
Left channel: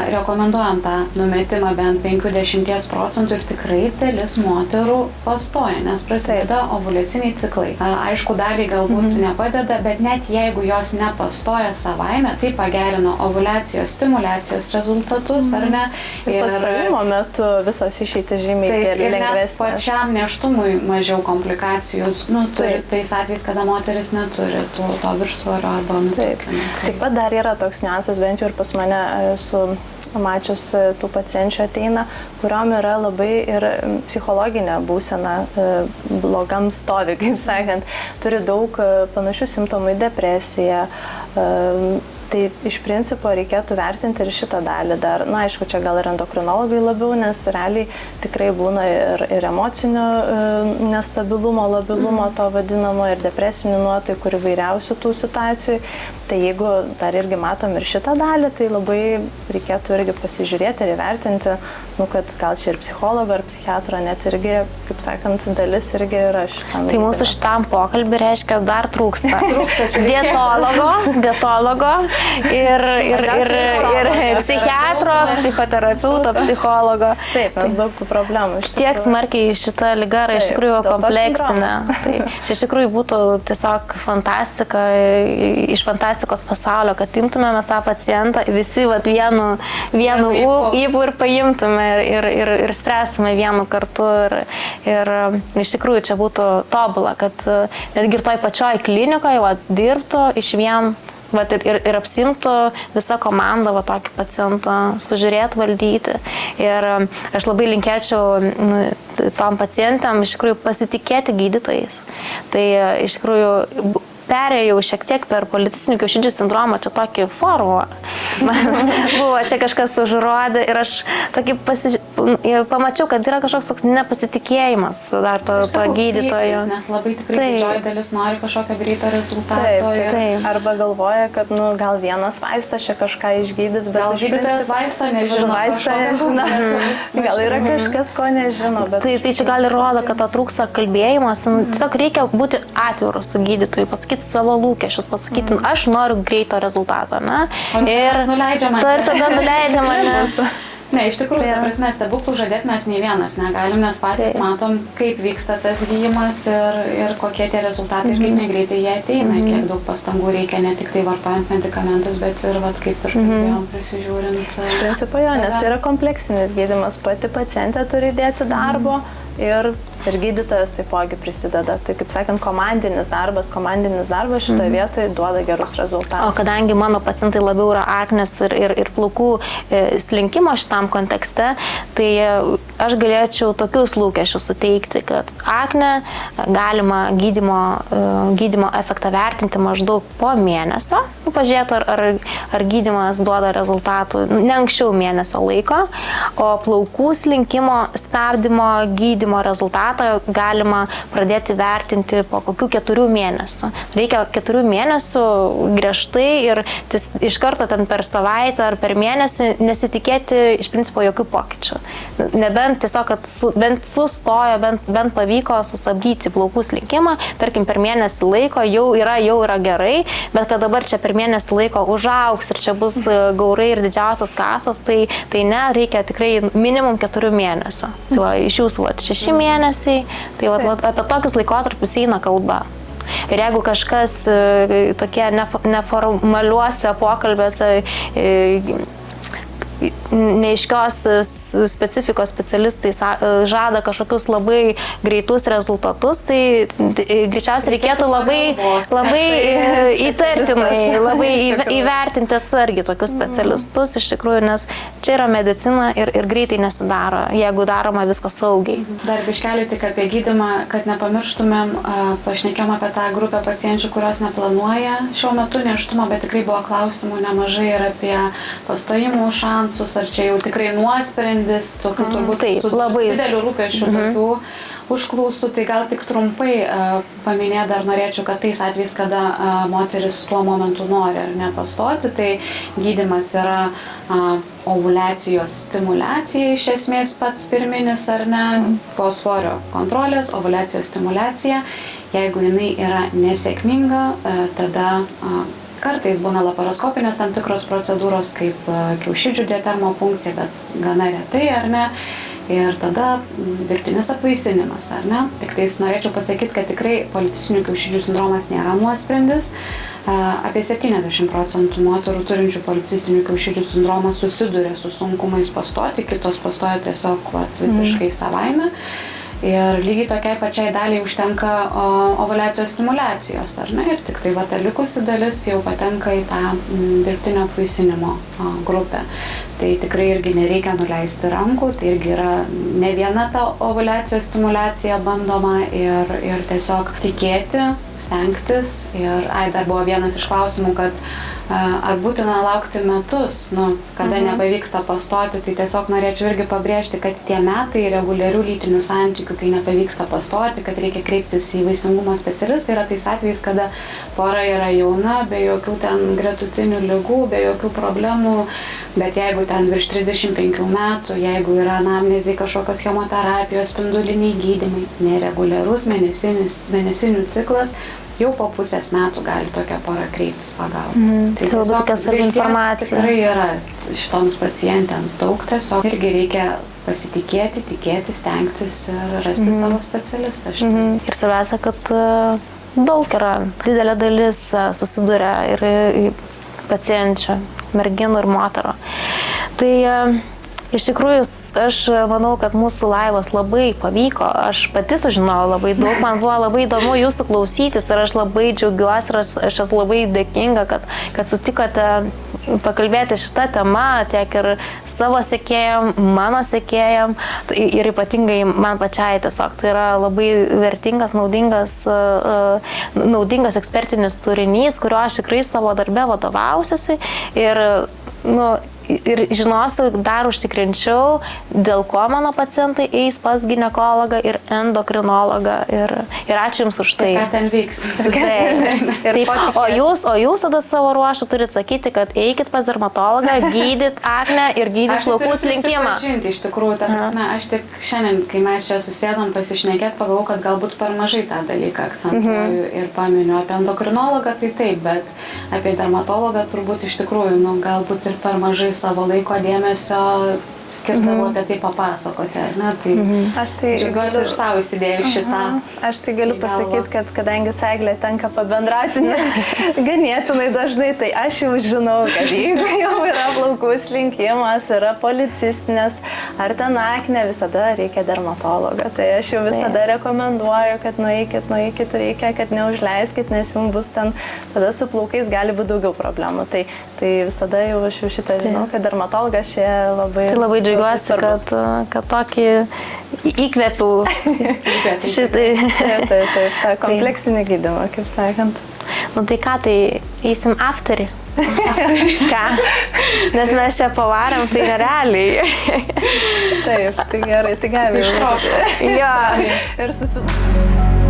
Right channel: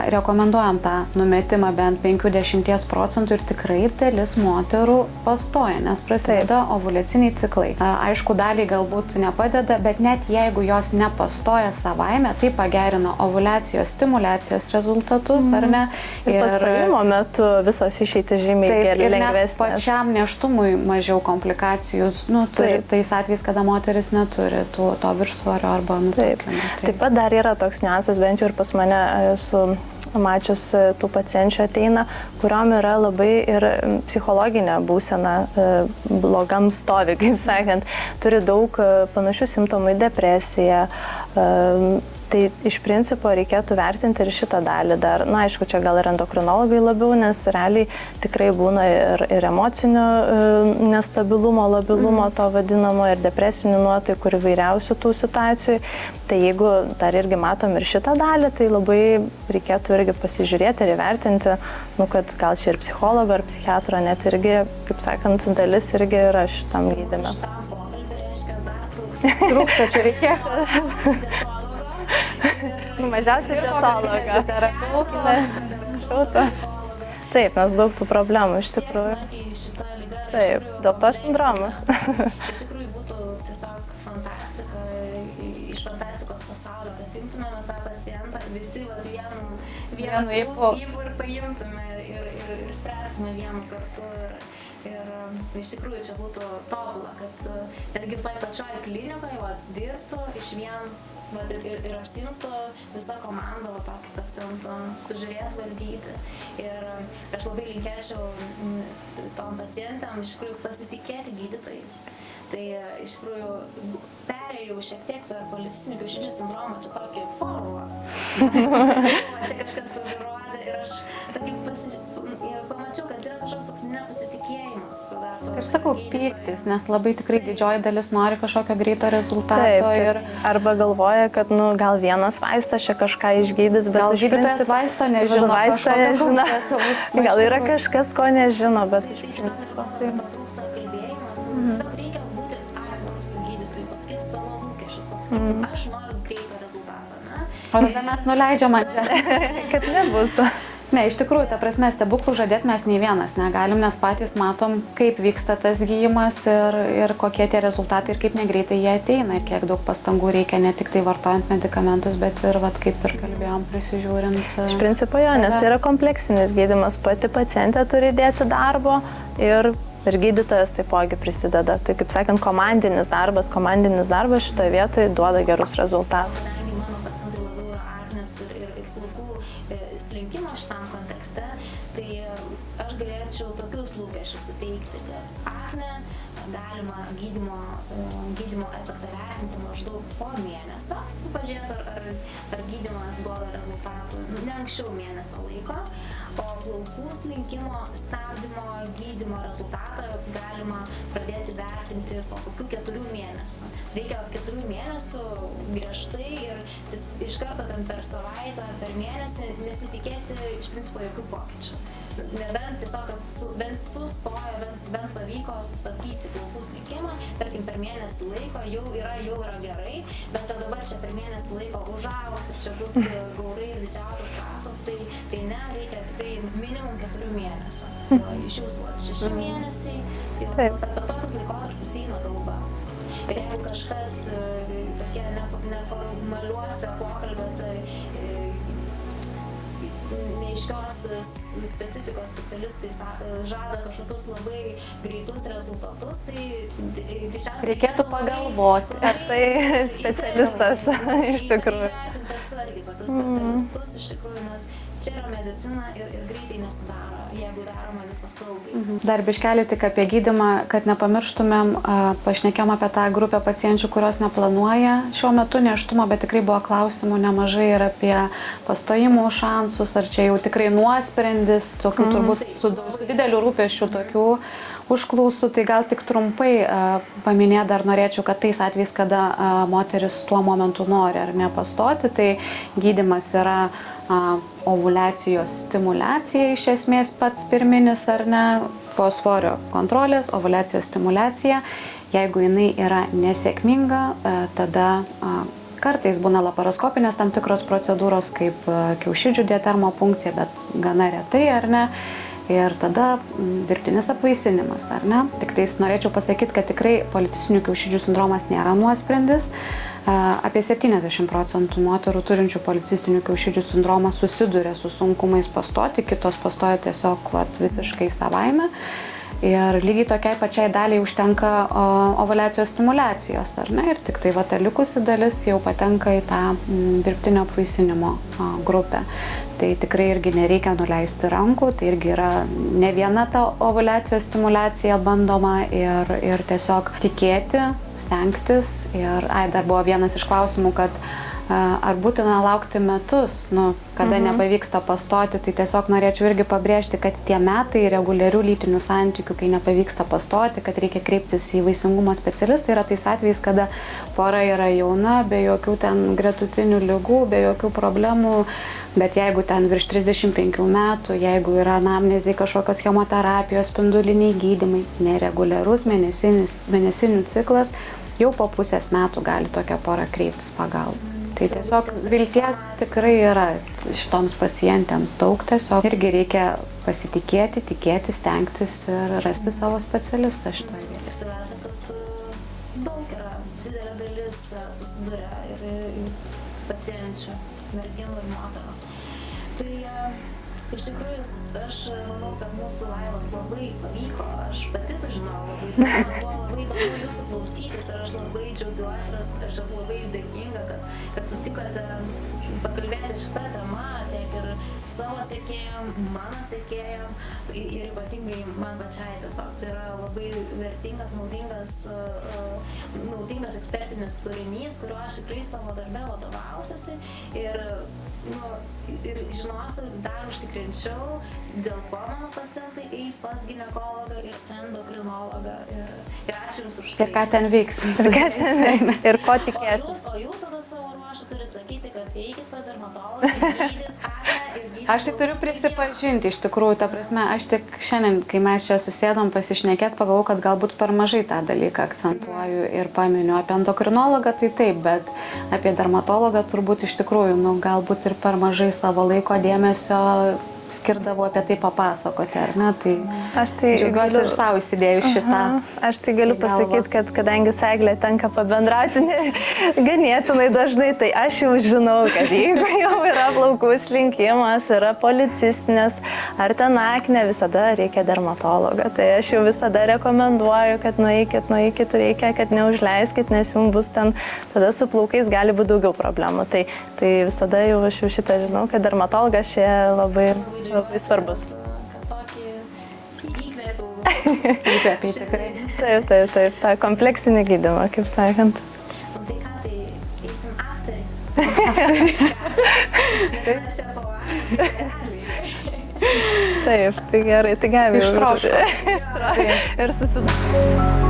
rekomenduojam tą numetimą bent 50% ir tikrai dalis moterų pastoja, nes prasideda ovuliaciniai ciklai. Aišku, daliai galbūt nepadeda, bet net jeigu jos nepastoja savaime, tai pagerina ovuliacijos, stimulacijos rezultatus, ar ne? Ir pastojimo metu visos išeitys žymiai lengvesnės. Ir net pačiam neštumui mažiau komplikacijų, tais atvejais, kada moteris neturi to viršsvorio arba nutukimo. Taip pat dar yra toks niuansas, bent jau ir pas mane esu mačius tų pacienčių ateina, kuriuom yra labai ir psichologinė būsena blogam stovi, kaip sakant. Turi daug panašių simptomų į depresiją. Tai iš principo reikėtų vertinti ir šitą dalį dar. Na, aišku, čia gal ir endokrinologai labiau, nes realiai tikrai būna ir emocinio nestabilumo, labilumo to vadinamo, ir depresinių nuotaikų, ir įvairiausių tų situacijų. Tai jeigu dar irgi matom ir šitą dalį, tai labai reikėtų irgi pasižiūrėti ir įvertinti, kad gal čia ir psichologo ar psichiatro net irgi, kaip sakant, dalis irgi yra šitam. Tai mūsų šitam pokalbį reiškia dar trūksta. Dietologo ir psichiatro, psichoterapeuto, psichologo. Taip, mes daug tų problemų. Tiek smarkiai šita liga yra iš tikrųjų kompleksinė. Čia iš tikrųjų būtų tiesiog fantastika, iš fantastikos pasaulio, kad imtumėme tą pacientą, visi vienu įpū ir paimtume ir spręstume vienu kartu. Ir iš tikrųjų čia būtų tobula, kad netgi ir toj pačioj klinikoje dirbtų iš vien. Ir apsimtų visą komandą tokį pacientą sužiūrėti, valdyti. Ir aš labai linkėčiau tom pacientėm iš tikrųjų pasitikėti gydytojais. Tai iš tikrųjų perėjau šiek tiek per policistinių kiaušidžių sindromą, čia tokį formą. Buvo čia kažkas užrodė ir aš tokį pamačiau, kad yra kažkoks toks nepasitikėjimas dar to gydytojo. Nes labai tikrai didžioji dalis nori kažkokio greito rezultato. Taip. Arba galvoja, kad gal vienas vaistas čia kažką išgydys, bet gal gydytojas vaisto nežino. Gal yra kažkas, ko nežino. Tai čia gal ir rodo, kad to trūksta kalbėjimas. Tiesiog reikia būti atviru su gydytoju, pasakyti savo lūkesčius, pasakyti, aš noriu greito rezultato, ne? Ir nuleidžiama. Tada nuleidžiama. Ne, iš tikrųjų, ta prasme, stebuklų žadėti mes nei vienas negalim, nes patys matom, kaip vyksta tas gydymas ir kokie tie rezultatai ir kaip negreitai jie ateina, ir kiek daug pastangų reikia ne tik tai vartojant medikamentus, bet ir, kaip ir kalbėjom, prisižiūrint. Iš principo jo, nes tai yra kompleksinis gydymas, pati pacientė turi dėti darbo ir Ir gydytojas taipogi prisideda. Tai, kaip sakant, komandinis darbas šitoje vietoje duoda gerus rezultatus. O kadangi mano pacientai labiau yra aknės ir plaukų slinkimo šitam kontekste, tai aš galėčiau tokius lūkesčius suteikti, kad aknę galima gydymo efektą vertinti maždaug po mėnesio, pažiūrėti, ar gydymas duoda rezultatų ne anksčiau mėnesio laiko, o plaukų slinkimo stabdymo gydymo rezultatą galima pradėti vertinti po kokių 4 mėnesių. Reikia 4 mėnesių griežtai ir iš karto ten per savaitę ar per mėnesį nesitikėti iš principo jokių pokyčių. Nebent tiesiog, kad bent sustojo, bent pavyko sustabdyti plaukų slinkimą, tarkim per mėnesį laiko jau yra gerai, bet kad dabar čia per mėnesį laiko užaugs ir čia bus gaurai ir didžiausios kasos, tai ne, reikia tikrai minimum 4 mėnesių. Tai va, iš jūsų 6 mėnesiai, tai va, apie tokius laikotarpius eina kalba. Ir jeigu kažkas tokie neformaliuose pokalbėse neiškios specifikos specialistai žada kažkokius labai greitus rezultatus, tai greičiausiai reikėtų labai įtartinai, labai įvertinti atsargiai tokius specialistus iš tikrųjų, nes čia yra medicina ir greitai nesidaro, jeigu daroma viskas saugiai. Dar biškelį tik apie gydymą, kad nepamirštumėm, pašnekėm apie tą grupę pacienčių, kurios neplanuoja šiuo metu nėštumo, bet tikrai buvo klausimų nemažai ir apie pastojimų šansus, ar čia jau tikrai nuosprendis, tokių turbūt su labai dideliu rūpesčiu tokių užklausų. Tai gal tik trumpai paminėti dar norėčiau, kad tais atvejais, kada moteris tuo momentu nori ar nepastoti, tai gydymas yra ovuliacijos stimulacija iš esmės pats pirminis ar ne, po svorio kontrolės, ovuliacijos stimulacija. Jeigu jinai yra nesėkminga, tada kartais būna laparoskopinės tam tikros procedūros, kaip kiaušidžių diatermopunkcija, bet gana retai, ar ne? Ir tada dirbtinis apvaisinimas, ar ne? Tik tais norėčiau pasakyti, kad tikrai policistinių kiaušidžių sindromas nėra nuosprendis. Apie 70% moterų turinčių policistinių kiaušidžių sindromą susiduria su sunkumais pastoti, kitos pastoja tiesiog visiškai savaime. Ir lygiai tokiai pačiai daliai užtenka ovuliacijos stimulacijos, ar ne? Ir tik tai ta likusi dalis jau patenka į tą dirbtinio apvaisinimo grupę. Tai tikrai irgi nereikia nuleisti rankų, tai irgi yra ne viena ta ovuliacijos stimulacija bandoma ir tiesiog tikėti, stengtis. Ir dar buvo vienas iš klausimų, kad ar būtina laukti metus, kada nepavyksta pastoti, tai tiesiog norėčiau irgi pabrėžti, kad tie metai reguliarių lytinių santykių, kai nepavyksta pastoti, kad reikia kreiptis į vaisingumo specialistą, yra tais atvejais, kada pora yra jauna, be jokių ten gretutinių ligų, be jokių problemų, bet jeigu ten virš 35 metų, jeigu yra anamnezė kažkokios chemoterapijos, spinduliniai gydymai, nereguliarus mėnesinių ciklas, jau po pusės metų gali tokia pora kreiptis pagalbos. Tai tiesiog vilties tikrai yra šitoms pacientėms daug, tiesiog irgi reikia pasitikėti, tikėti, stengtis ir rasti savo specialistą. Ir svarbiausia, kad daug yra, didelė dalis susiduria ir pacienčių, merginų ir moterų. Tai iš tikrųjų, aš manau, kad mūsų laivas labai pavyko, aš pati sužinojau labai daug, man buvo labai įdomu jūsų klausytis ir aš labai džiaugiuosi ir aš esu labai dėkinga, kad sutikote pakalbėti šitą temą tiek ir savo sekėjam, mano sekėjam ir ypatingai man pačiai tiesiog. Tai yra labai vertingas, naudingas ekspertinis turinys, kuriuo aš tikrai savo darbe vadovausiuosi ir žinosiu, dar užtikrinčiau, dėl ko mano pacientai eis pas ginekologą ir endokrinologą. Ir ačiū Jums už tai. Ką ten vyks? O jūs tada savo ruoštų turit sakyti, kad eikit pas dermatologą, gydyt aknę ir gydyt plaukų slinkimą. Aš turiu iš tikrųjų, ta prasme, aš tik šiandien, kai mes čia susėdom pasišnekėt, pagalvojau, kad galbūt per mažai tą dalyką akcentuoju ir paminiu. Apie endokrinologą tai taip, bet apie dermatologą turbūt iš tikrųjų, galbūt ir per mažai savo laiko dėmesio skirdavo apie tai papasakoti, ar ne? Tai Aš tai džiaugiuosi ir savo įsidėjau šitą. Aš tai galiu pasakyti, kad kadangi su Egle tenka pabendrauti ganėtinai dažnai, tai aš jau žinau, kad jeigu jau yra plaukų slinkimas, yra policistinės ar ten akne, visada reikia dermatologo. Tai aš jau visada rekomenduoju, kad nueikit, reikia, kad neužleiskit, nes jums bus ten, tada su plaukais gali būti daugiau problemų. Tai visada jau aš jau šitą žinau, kad dermatologas čia labai džiaugiuosi, kad tokį įkvėpiau šitai. Taip, tą kompleksinį gydymą, kaip sakant. Nu tai ką, tai eisim afterį? Ką? Nes mes čia pavarom, tai nerealiai. Taip, tai gerai, tai galime ištraukti. Ir susidažti.